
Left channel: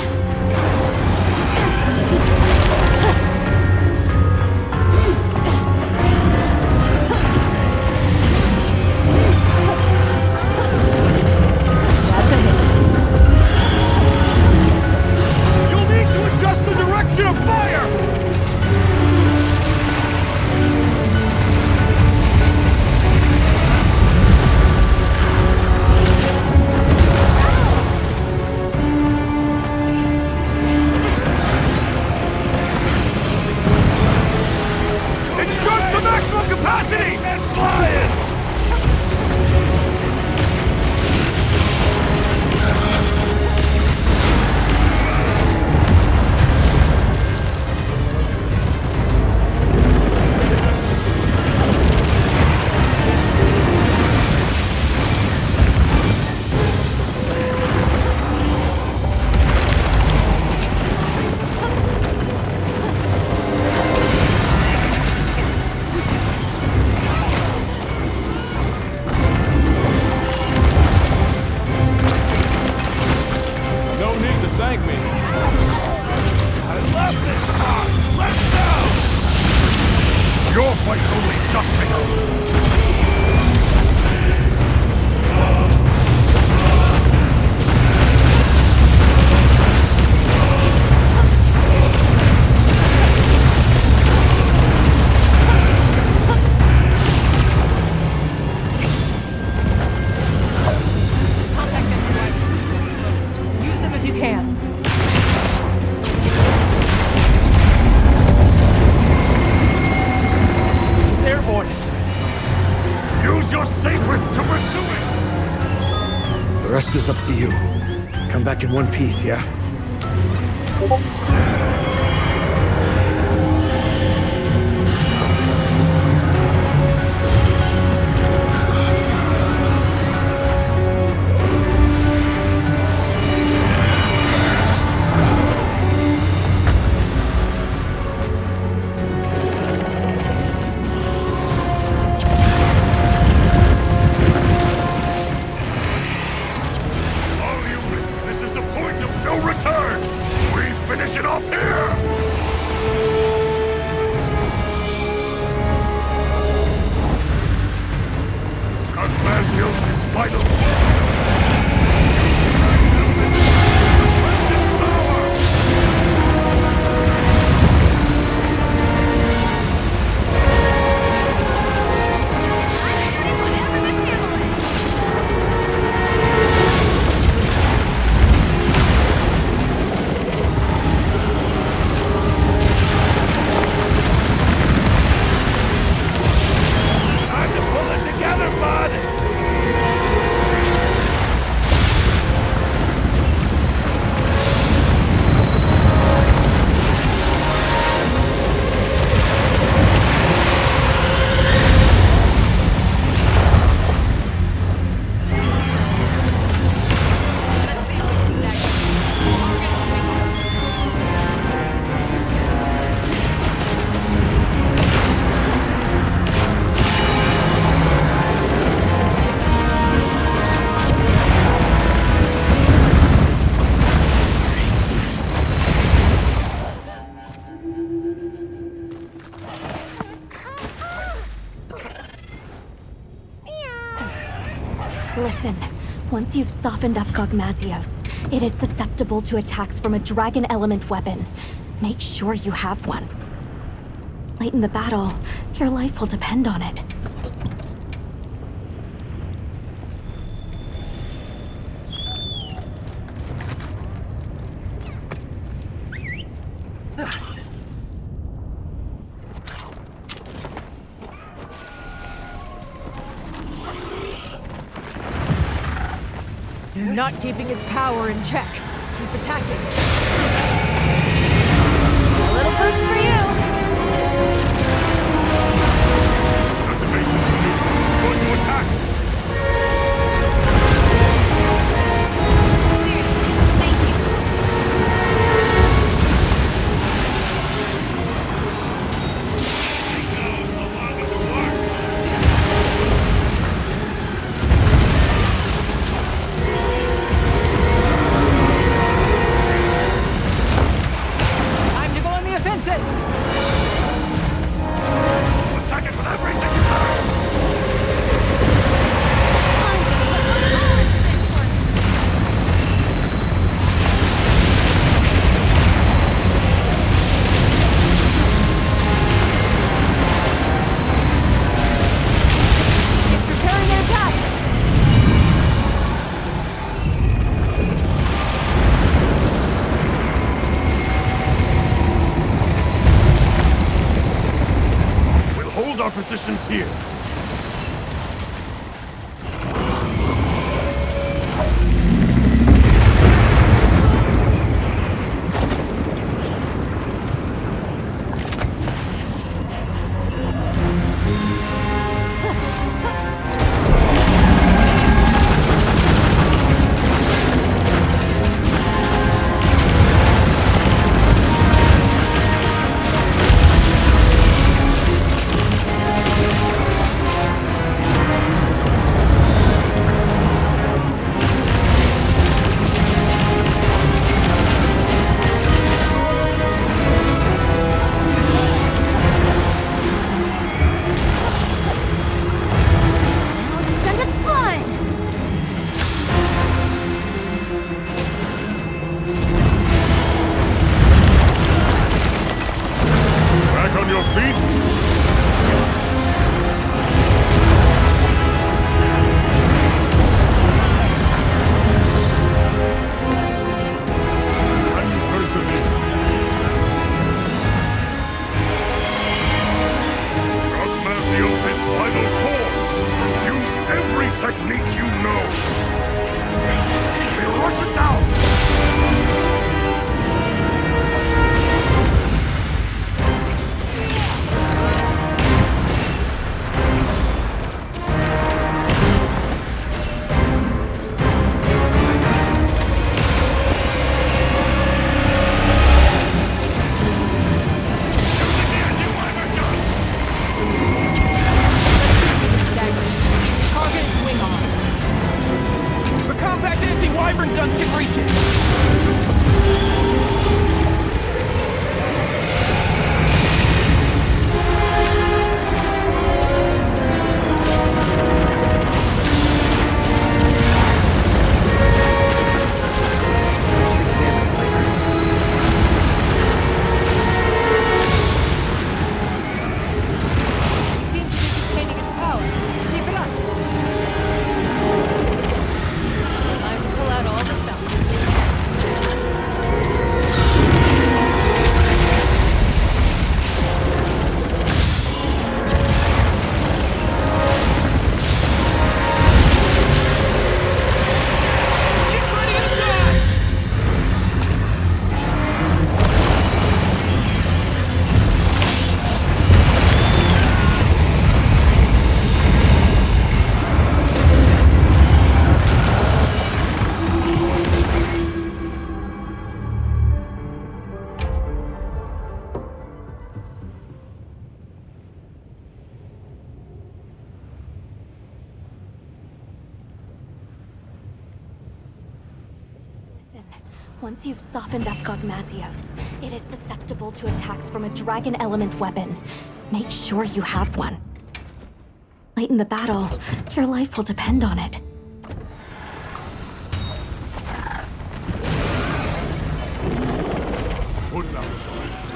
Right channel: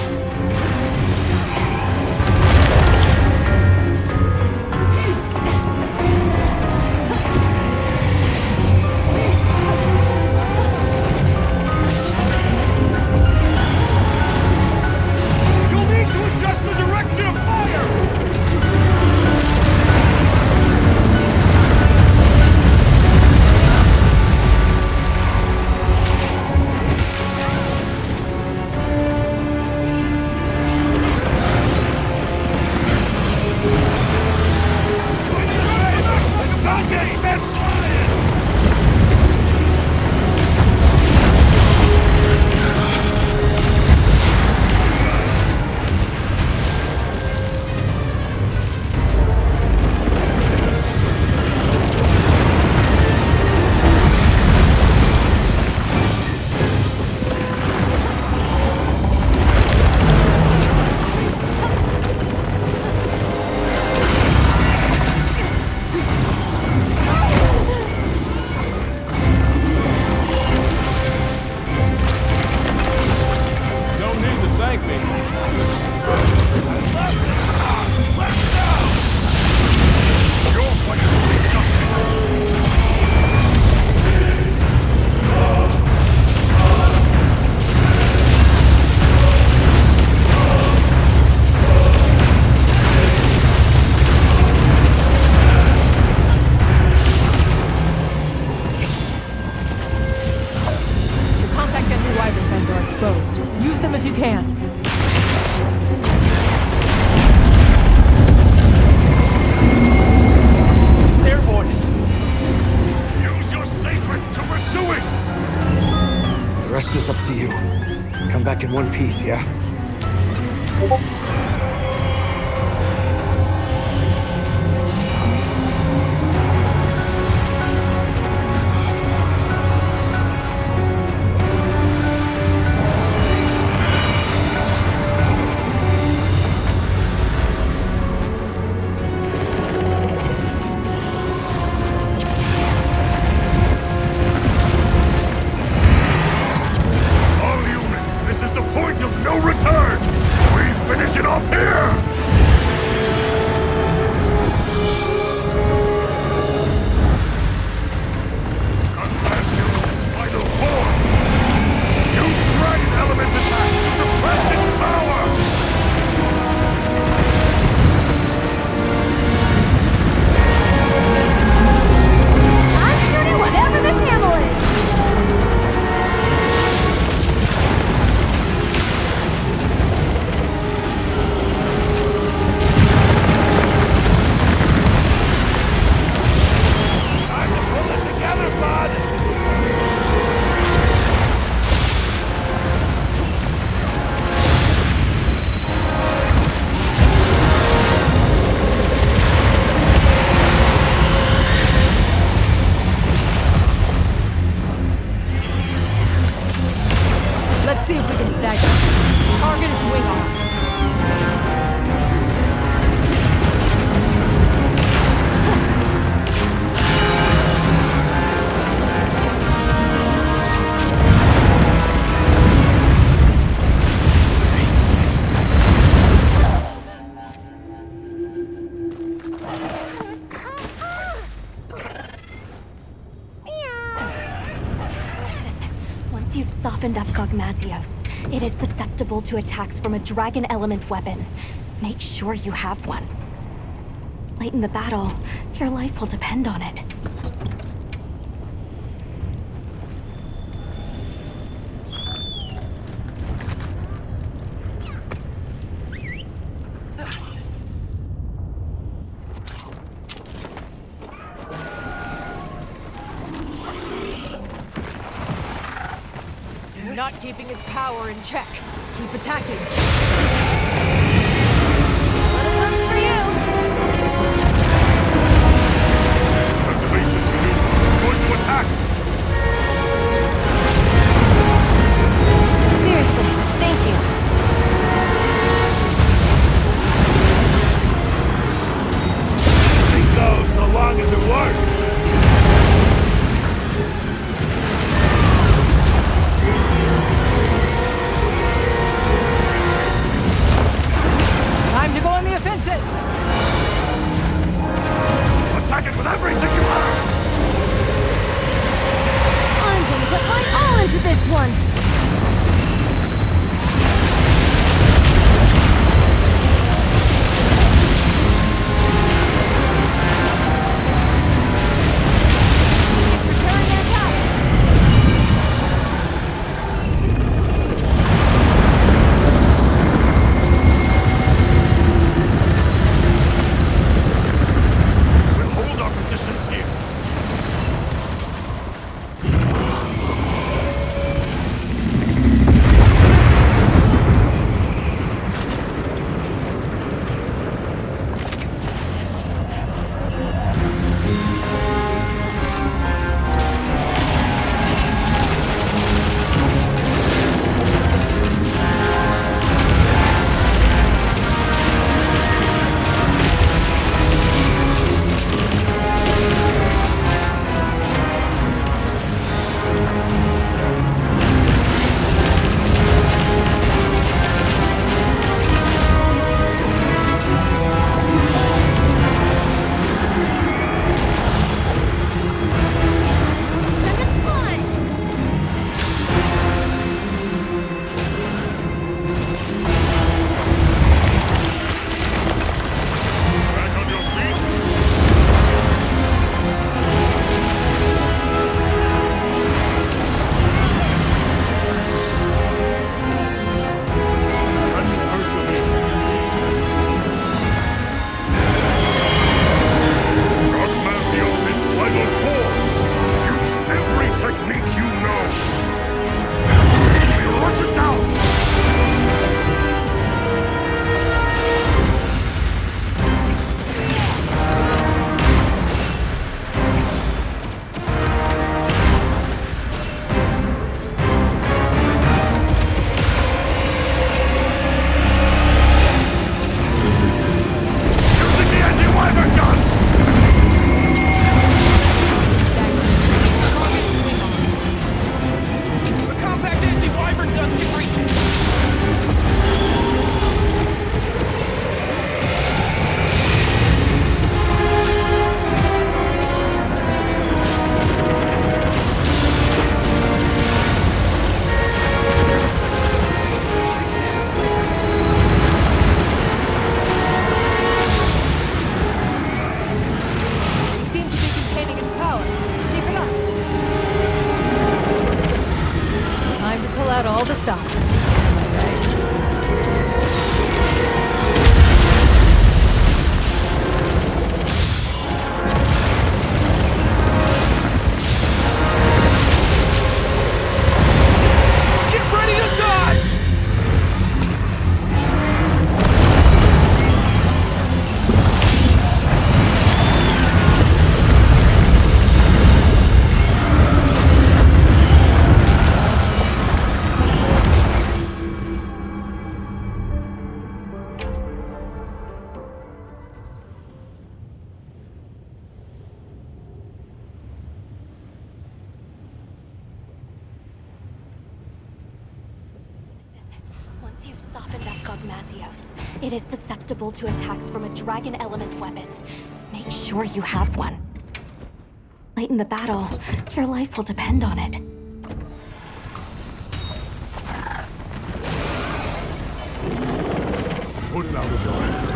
That's a hit. You'll need to adjust the direction of fire! sent flying! No need to thank me. I love this spot! Let's go! Your fight's only just begun. The contact anti-wyvern guns are exposed. Use them if you can. It's airborne! Use your sacred to pursue it! The rest is up to you. Come back in one piece, yeah? All units, this is the point of no return! We finish it off here! Gogmazio's final form! Use dragon element attack to suppress its power! I'm shooting whatever this handle is! Time to pull it together, bud! Let's see if we can stagger it. Target its wing arms. Listen, once you've softened up Gogmazios, it is susceptible to attacks from a dragon element weapon. Make sure you have one. Late in the battle, your life will depend on it. You're not keeping its power in check. Keep attacking it. A little boost for you! Activation maneuver. It's going to attack! Seriously, thank you. Anything goes so long as it works! Time to go on the offensive! Attack it with everything you have! Use every technique you know. We rush it down. Once you've softened up Gogmazios, it is susceptible to attacks from a dragon element weapon. Make sure you have one. Late in the battle, your life will depend on it. Put it out of your hand.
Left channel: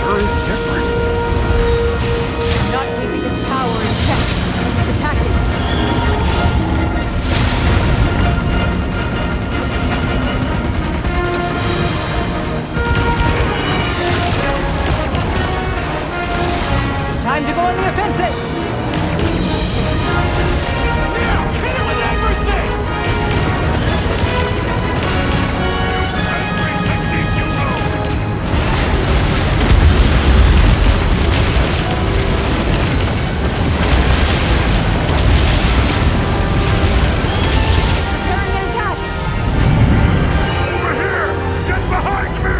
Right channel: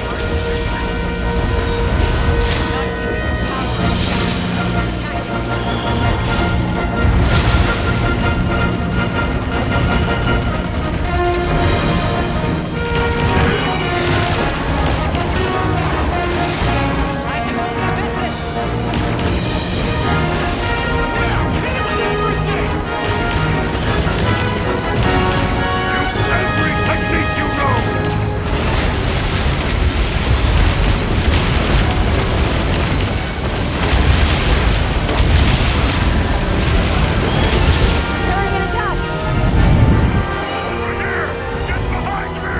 Sure is different. Not keeping its power in check. Attacking. Time to go on the offensive! Now, hit it with everything! Use every technique you know! Preparing an attack! Over here! Get behind me!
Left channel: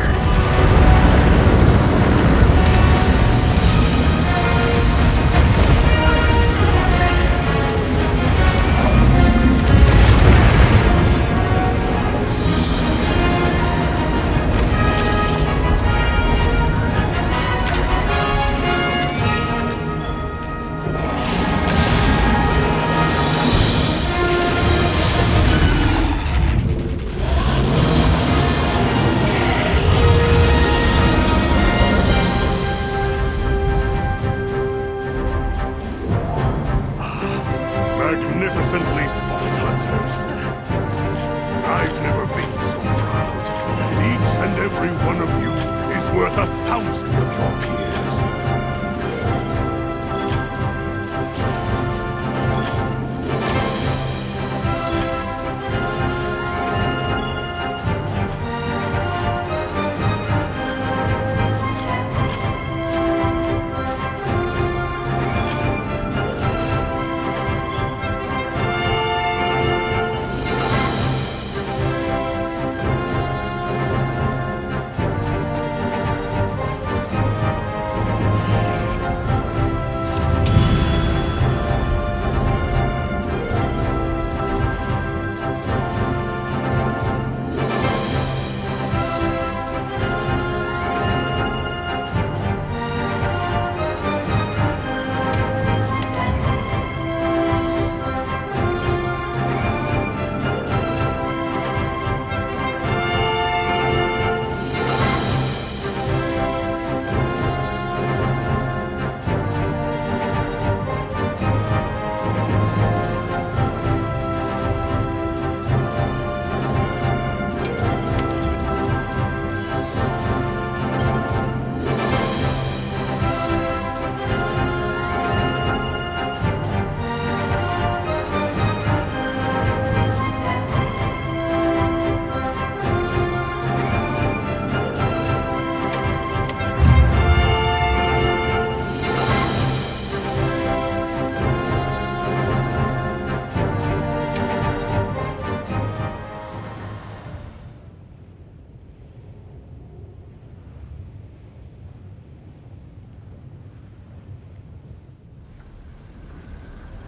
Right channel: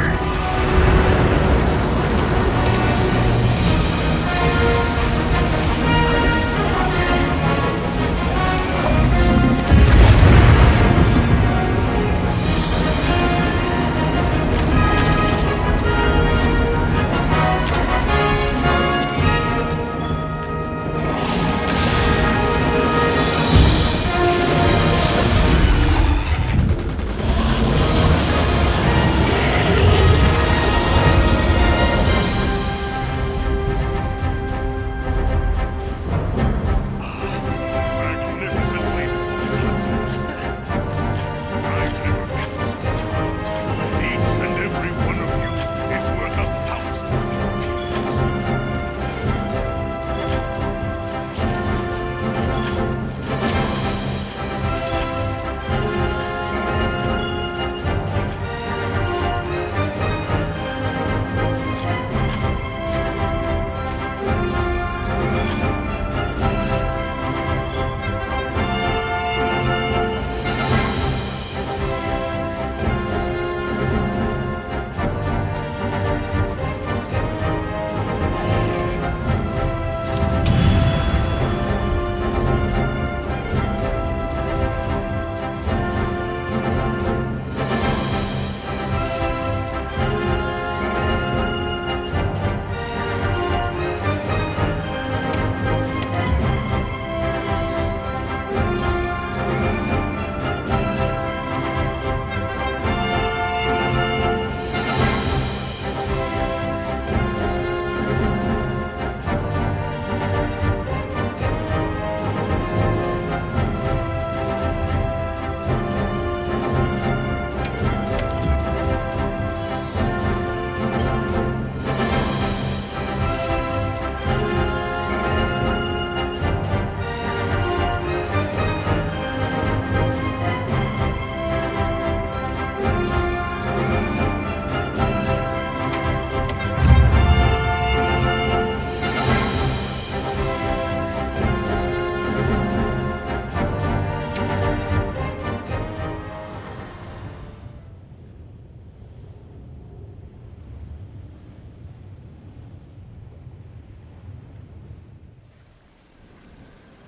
Magnificently fought, hunters. I've never been so proud. Each and every one of you is worth 1,000 of your peers.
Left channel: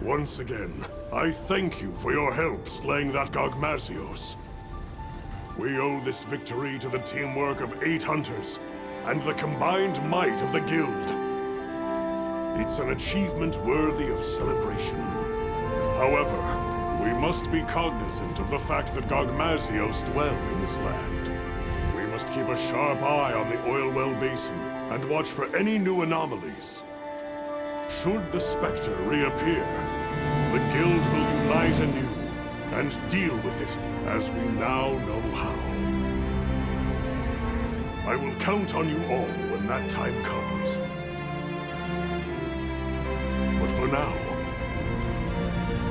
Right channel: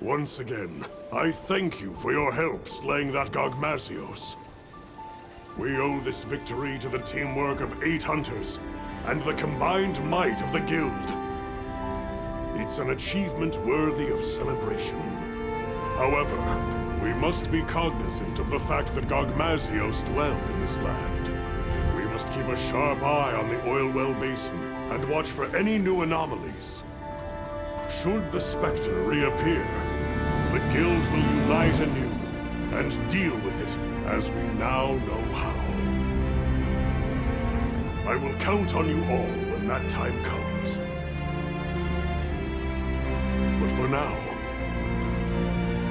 Once again, I thank you for your help slaying that Gogmazios. We owe this victory to the teamwork of 8 hunters and the combined might of the guild. It's an achievement worthy of celebration. However, we must be cognizant of the fact that Gogmazios dwell in this land. We must keep a sharp eye on the oil well basin and watch for any new anomalies. Should the Spectre reappear, the guild will unite anew and deal with it as we now know how. I will count on you all when that time comes. But for now,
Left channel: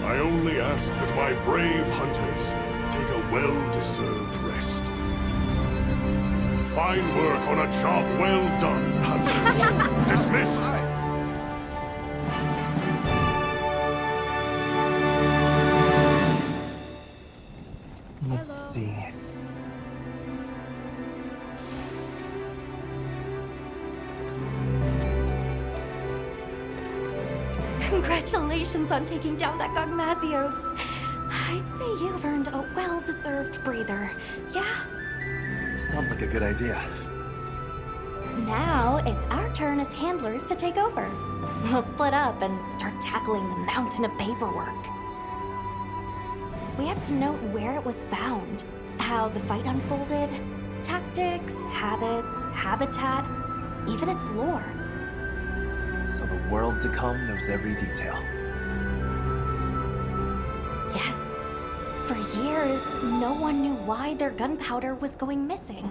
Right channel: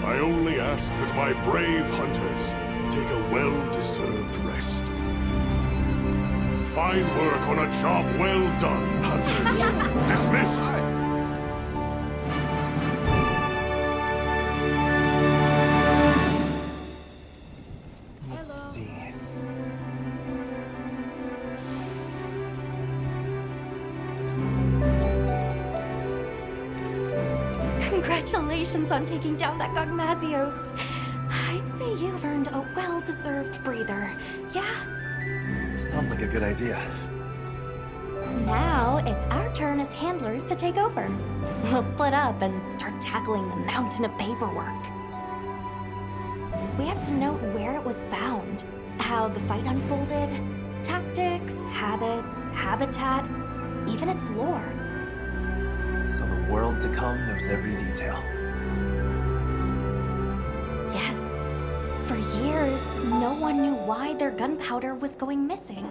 I only ask that my brave hunters take a well-deserved rest. Fine work on a job well done, hunters. Dismissed! Let's see. Congratulations on taking down that Gogmazios. I'd say you've earned a well-deserved breather, yeah? Sounds like a good idea. Now, it's our turn as handlers to take over. We'll split up and start tackling the mountain of paperwork. We have to note where it was found, how the fight unfolded, tactics, habits, habitat, even its lore. So the world to come knows every detail. Yes. For years, no one knew why their gunpowder was going missing.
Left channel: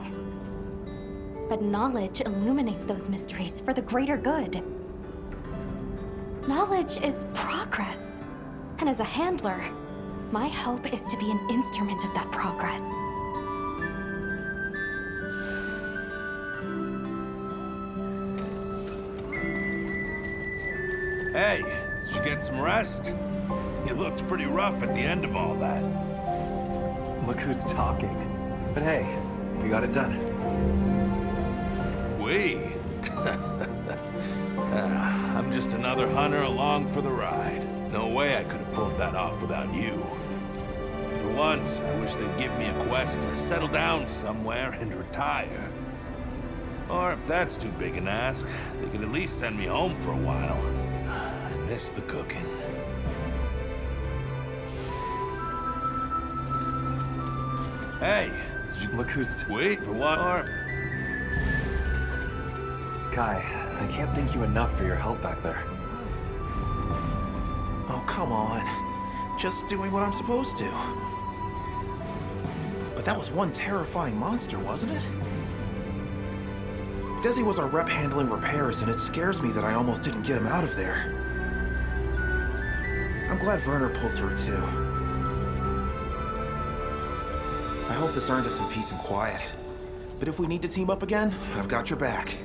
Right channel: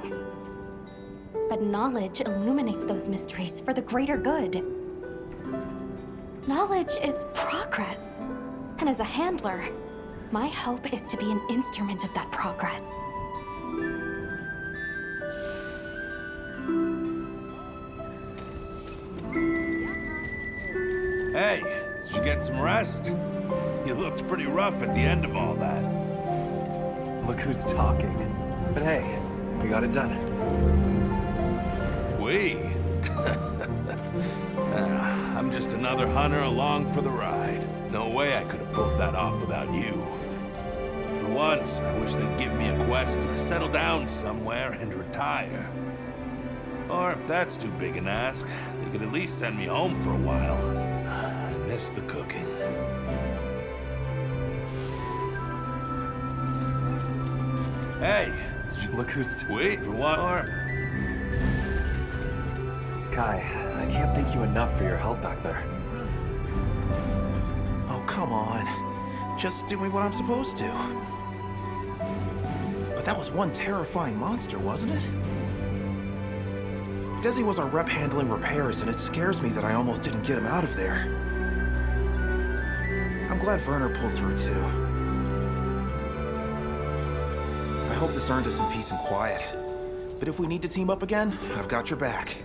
But knowledge illuminates those mysteries for the greater good. Knowledge is progress. And as a handler, my hope is to be an instrument of that progress. Hey, did you get some rest? You looked pretty rough at the end of all that. Look who's talking. But hey, we got it done. We? I'm just another hunter along for the ride. No way I could have pulled that off without you. For once, I wish they'd give me a quest to settle down somewhere and retire. Or if that's too big an ask, they could at least send me home for a while. I miss the cooking. Hey, did you look who's wait for what? Or Kai, I can't thank you enough for your help back there. Oh, come on. Just doing what I'm supposed to. But that was one terrifying monster, wasn't it? Desi was our rep handling repairs, and it scares me that I almost didn't get him out of there. I'm glad Werner pulled through, too. I hope this earns us some peace and quiet. But if we need to team up again, I've got your back.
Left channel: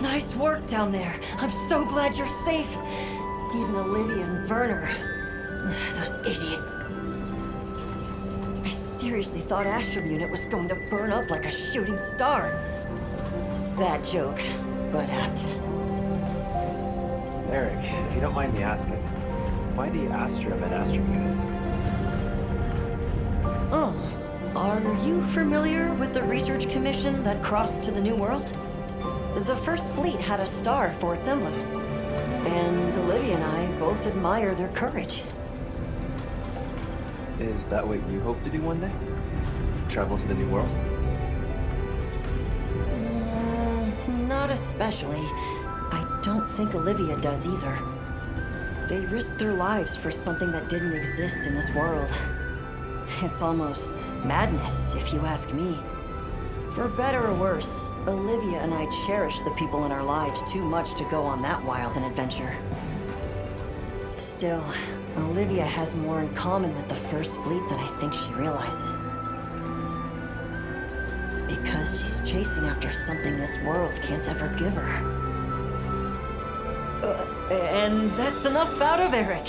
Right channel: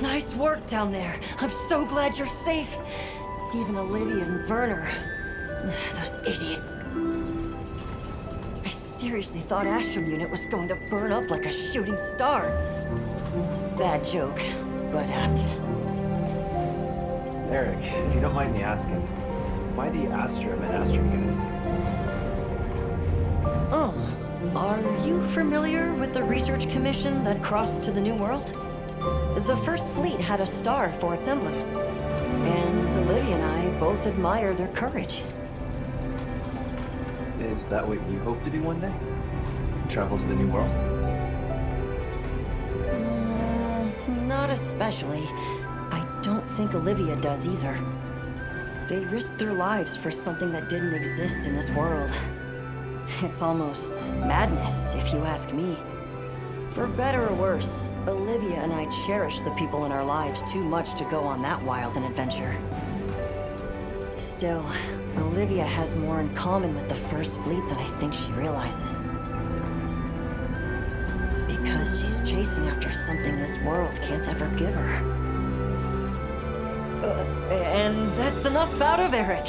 Nice work down there. I'm so glad you're safe. Even Olivia and Werner. Those idiots. I seriously thought Astrum Unit was going to burn up like a shooting star. Bad joke, but apt. Eric, if you don't mind me asking, why the Astrum and Astrum Unit? Oh, are you familiar with the research commission that crossed to the New World? The First Fleet had a star for its emblem. And Olivia and I both admire their courage. Is that what you hope to do one day? Travel to the New World? Not especially. I don't think Olivia does either. They risked their lives for something that didn't exist in this world. It's almost madness, if you ask me. For better or worse, Olivia and I cherish the people in our lives too much to go on that wild an adventure. Still, Olivia has more in common with the First Fleet than I think she realizes. Because she's chasing after something this world can't ever give her. And that's enough out of Eric.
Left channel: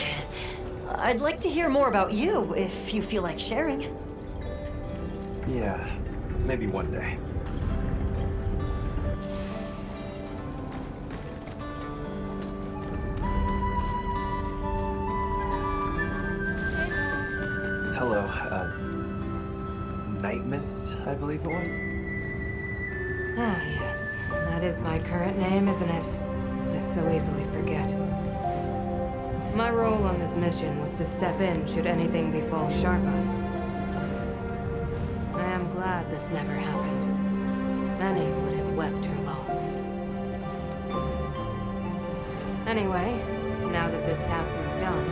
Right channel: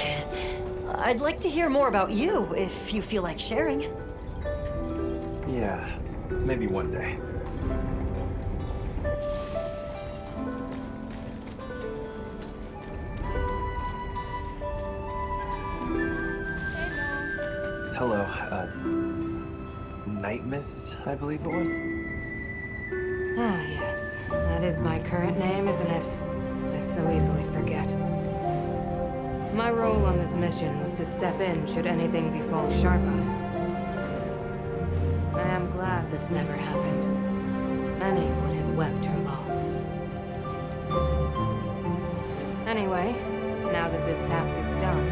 I'd like to hear more about you, if you feel like sharing. Yeah, maybe one day. Hello, Night Mist, I believe it was? Ah, yes. That is my current name, isn't it? I so easily forget. My role on this mission was to step in should anything befall Sharp Eyes. I am glad this never happened. Many would have wept her loss. Anyway, now that this task is done,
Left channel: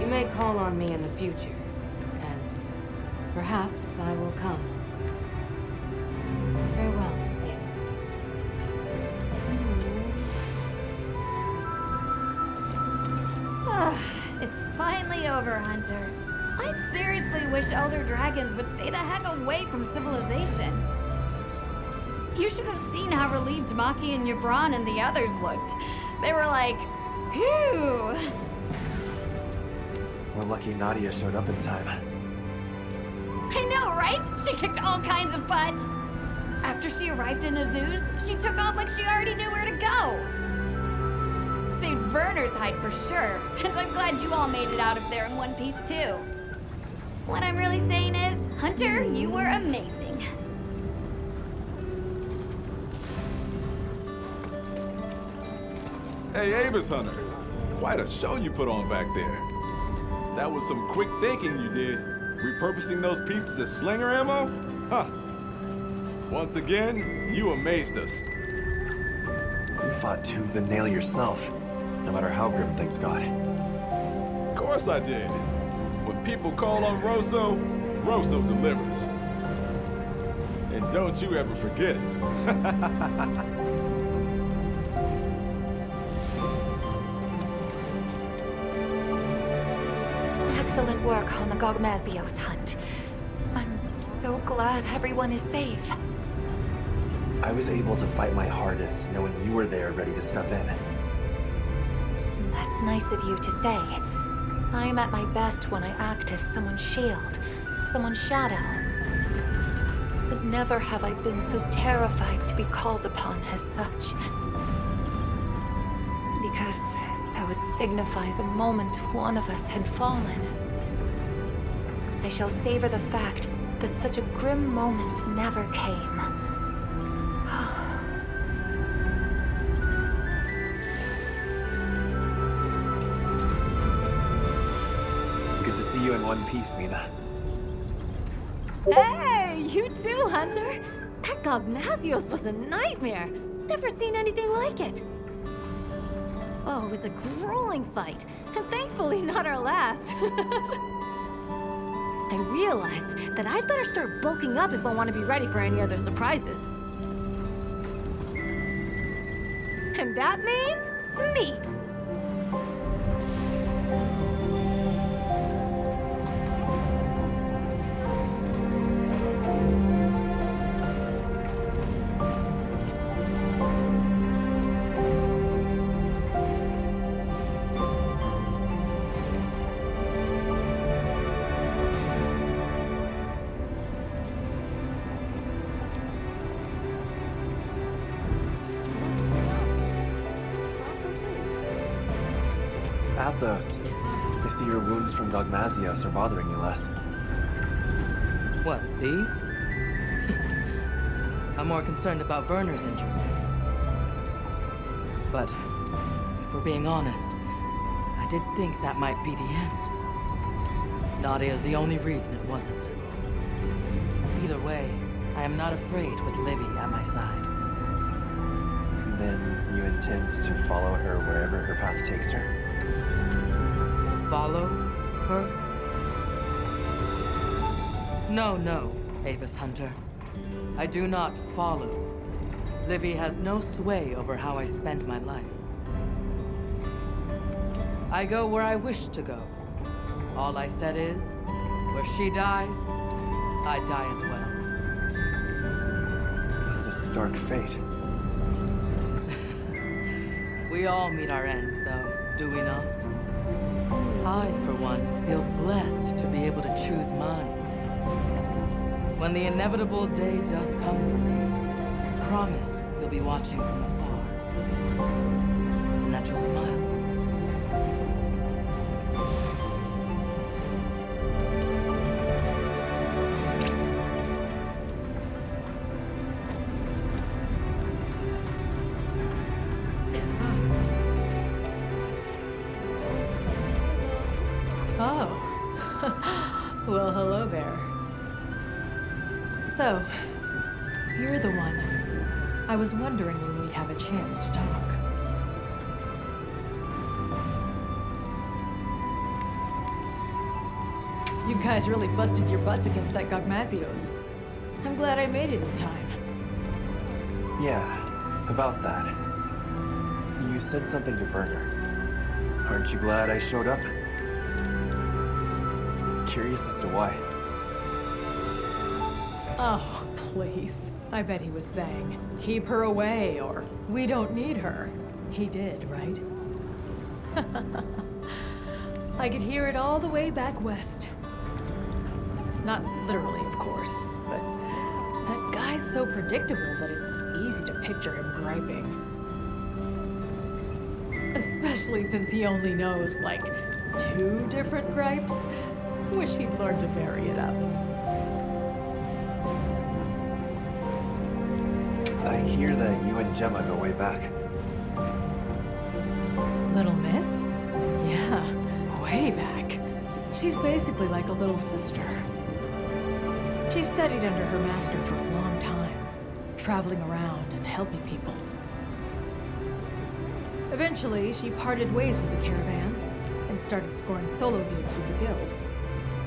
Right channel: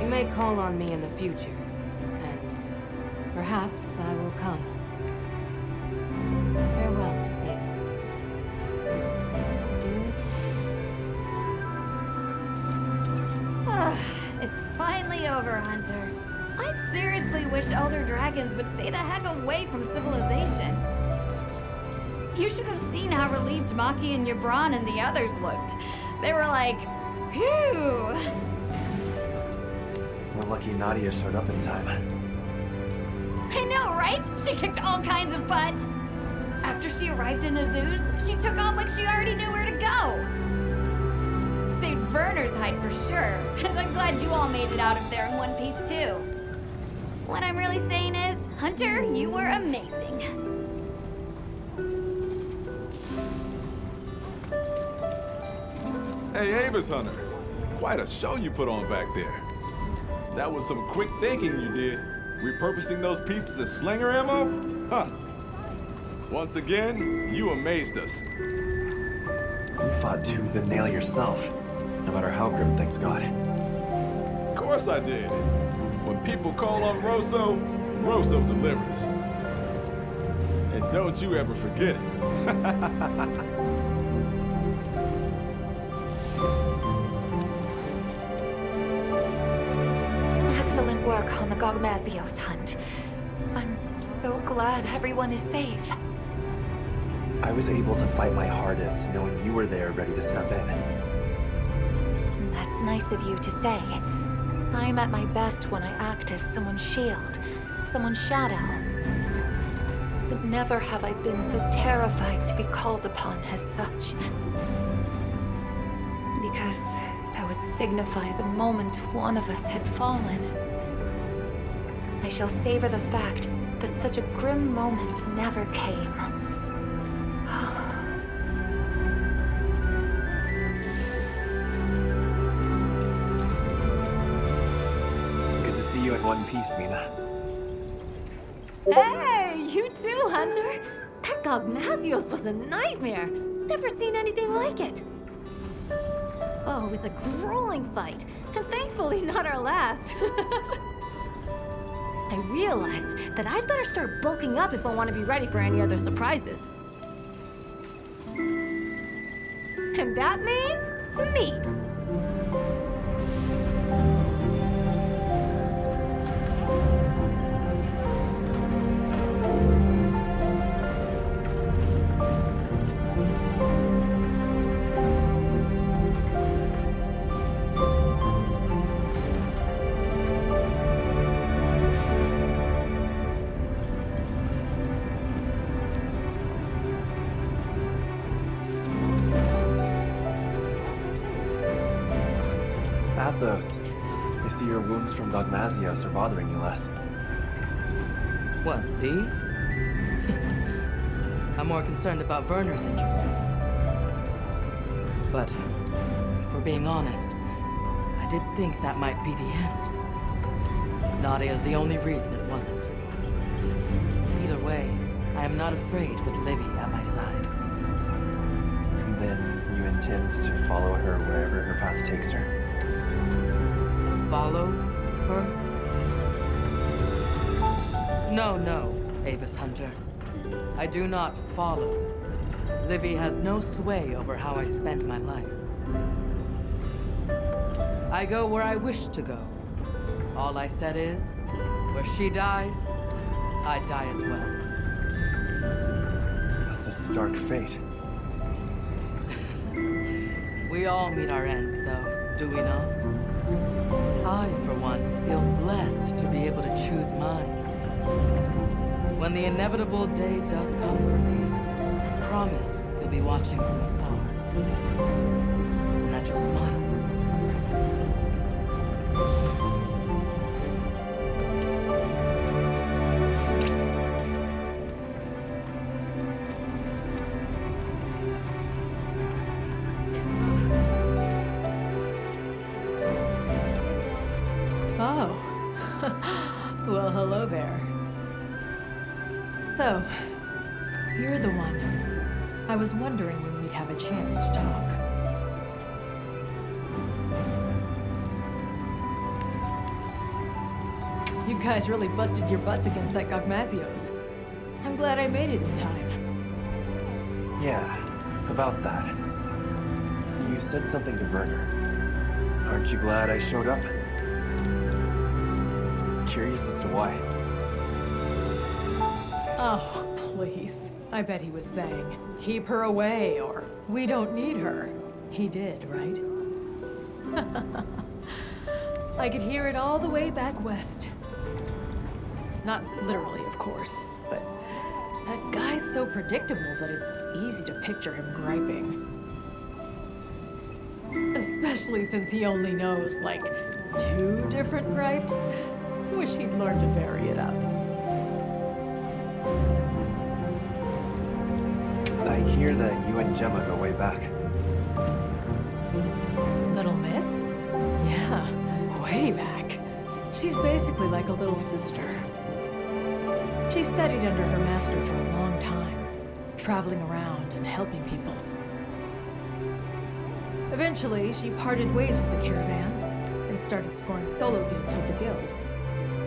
you may call on me in the future, and perhaps I will come. Farewell, Avis. It's finally over, Hunter. I seriously wish Elder Dragons would stay the heck away from civilization. You should have seen how relieved Maki and Yabran and the others looked. They were like, phew! We're lucky Nadia showed up in time. I know, right? She kicked all kinds of butt. After she arrived in Azuz, she took off like she already knew where to go. Saved Werner's hide for sure, and I'm glad you all made it out of there in one piece too. What I'm really saying is, Hunter, you were amazing. Hey, Avis Hunter. Quite a show you put on back there. That was some quick thinking you did. Repurposing those pieces as slinger ammo? Huh. Once again, you amazed us. You fought tooth and nail yourself, no matter how grim things got. Of course I did. When people call on Rosso, Rosso delivers. And don't you ever forget it. Excellent work on the Gogmazios hunt. I'm so glad everyone is safe. I was able to fight my hardest knowing you were there ready to step in. That's nice of you to say. I'm at my best when I act as someone's shield, someone's shadow. But never have I been so terrified to be called upon as such. Because that would signify the moment one of us had fallen. I shall savor the fact that such a grim moment never came. Good to see you in one piece, Mina. Hey, you too, Hunter. That Gogmazios was a nightmare. Never seen anything like it. Oh, it was a grueling fight, and thankfully not our last. I realized that I'd better start bulking up if I want to be ready for any other surprises. And that means meat. Athos, I see your wounds from Gogmazios are bothering you less. What, these? I'm more concerned about Werner's injuries. But, if we're being honest, I did think that might be the end. Nadia's the only reason it wasn't. Either way, I am not afraid with Livy at my side. Then you intend to follow her wherever her path takes her? Follow her? No, Avis Hunter. I do not follow. Livy has no sway over how I spend my life. I go where I wish to go. All I said is, where she dies, I die as well. That's a stark fate. We all meet our end, though, do we not? I, for one, feel blessed to be able to choose mine. When the inevitable day does come for me, promise you'll be watching from afar. And that you'll smile. Oh. Well, hello there. So, you're the one. I was wondering when we'd have a chance to talk. You guys really busted your butts against that Gogmazios. I'm glad I made it in time. Yeah, about that. You said something to Werner. Aren't you glad I showed up? Curious as to why. Oh, please. I bet he was saying, keep her away, or we don't need her. He did, right? I could hear it all the way back west. Not literally, of course, but that guy's so predictable that it's easy to picture him griping. Especially since he only knows, like, 2 different gripes. Wish he'd learned to vary it up. I hear that you and Gemma go way back. Little Miss? Yeah, way back. She's basically like a little sister. She studied under her master for a long time, traveling around and helping people. Eventually, she parted ways with the caravan and started scoring solo gigs with the guild.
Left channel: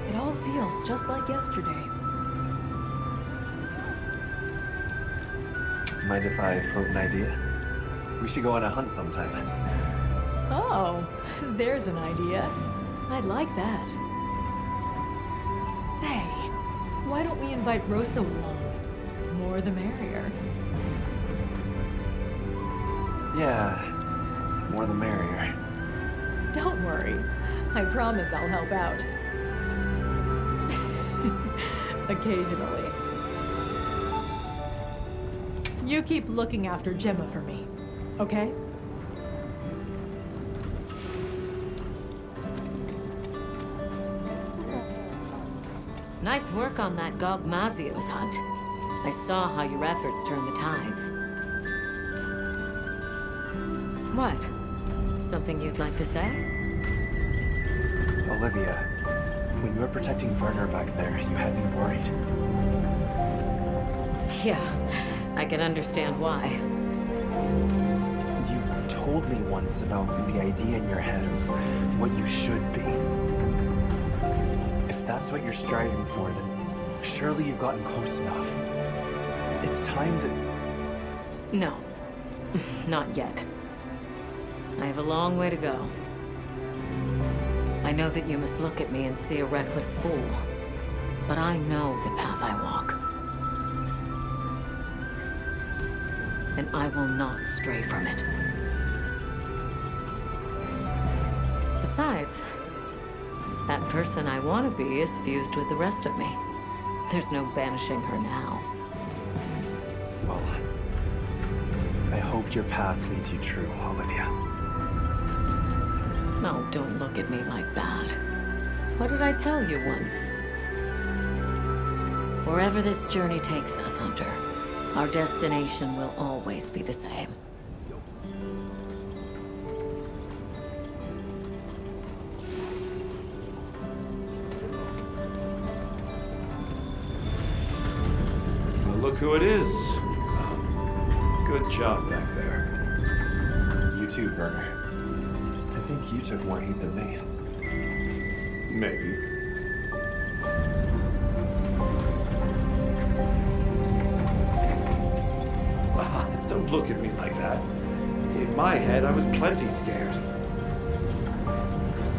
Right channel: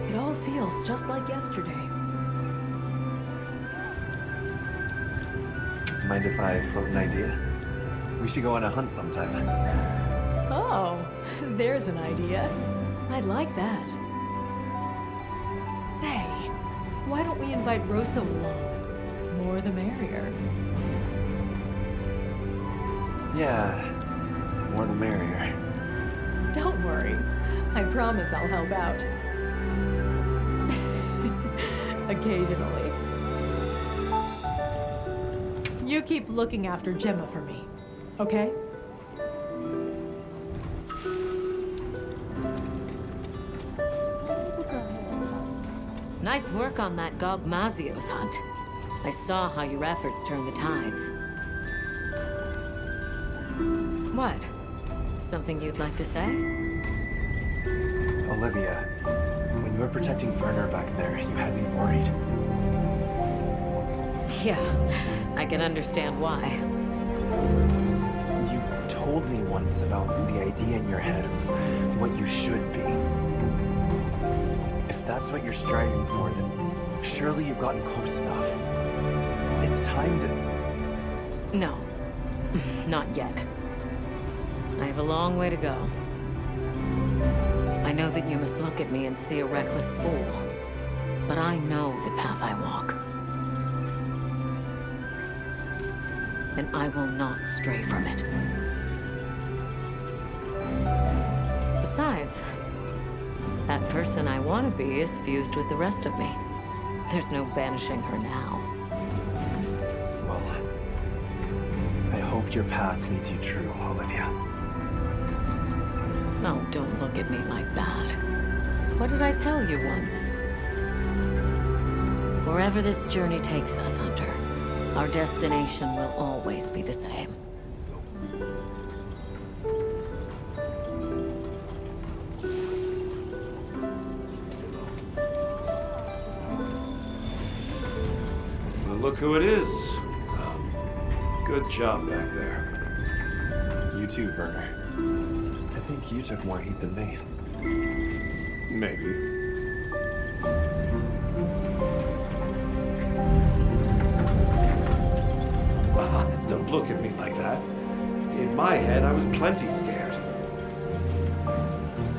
It all feels just like yesterday. Mind if I float an idea? We should go on a hunt sometime. Oh, there's an idea. I'd like that. Say, why don't we invite Rosso along? More the merrier. Yeah, more the merrier. Don't worry. I promise I'll help out. Occasionally. You keep looking after Gemma for me, okay? Nice work on that Gogmazios hunt. I saw how your efforts turned the tides. What? Something you'd like to say? Olivia, when you were protecting Werner back there, you had me worried. Yeah, I can understand why. You told me once about the idea in your head of what you should be. If that's what you're striving for, then surely you've gotten close enough. It's time to... No, not yet. I have a long way to go. I know that you must look at me and see a reckless fool, but I know the path I walk. And I will not stray from it. Besides, that person I want to be is fused with the rest of me. There's no banishing her now. Well, I hope your path leads you true, Olivia. No, don't look at me like that. What did I tell you once? Wherever this journey takes us, Hunter, our destination will always be the same. Well, look who it is. Good job back there. You too, Werner. I think you took more heat than me. Maybe. Don't look at me like that. In my head, I was plenty scared.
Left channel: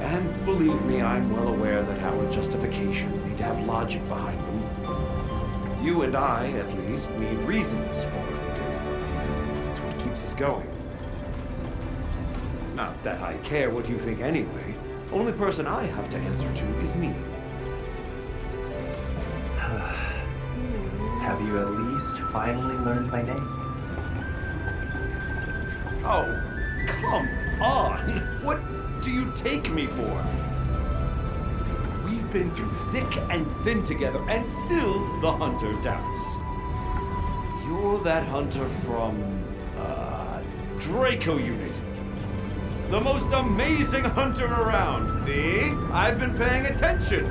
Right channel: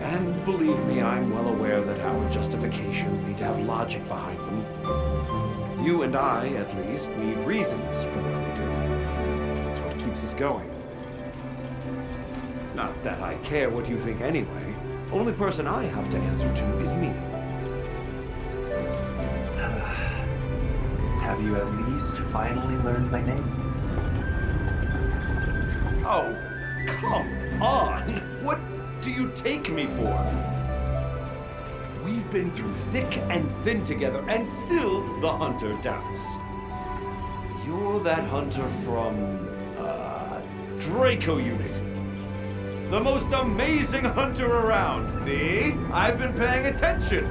And believe me, I'm well aware that our justifications need to have logic behind them. You and I, at least, need reasons for what we do. It's what keeps us going. Not that I care what you think anyway. Only person I have to answer to is me. Have you at least finally learned my name? Oh, come on! What do you take me for? We've been through thick and thin together, and still the hunter doubts. You're that hunter from, Draco Unit. The most amazing hunter around, see? I've been paying attention.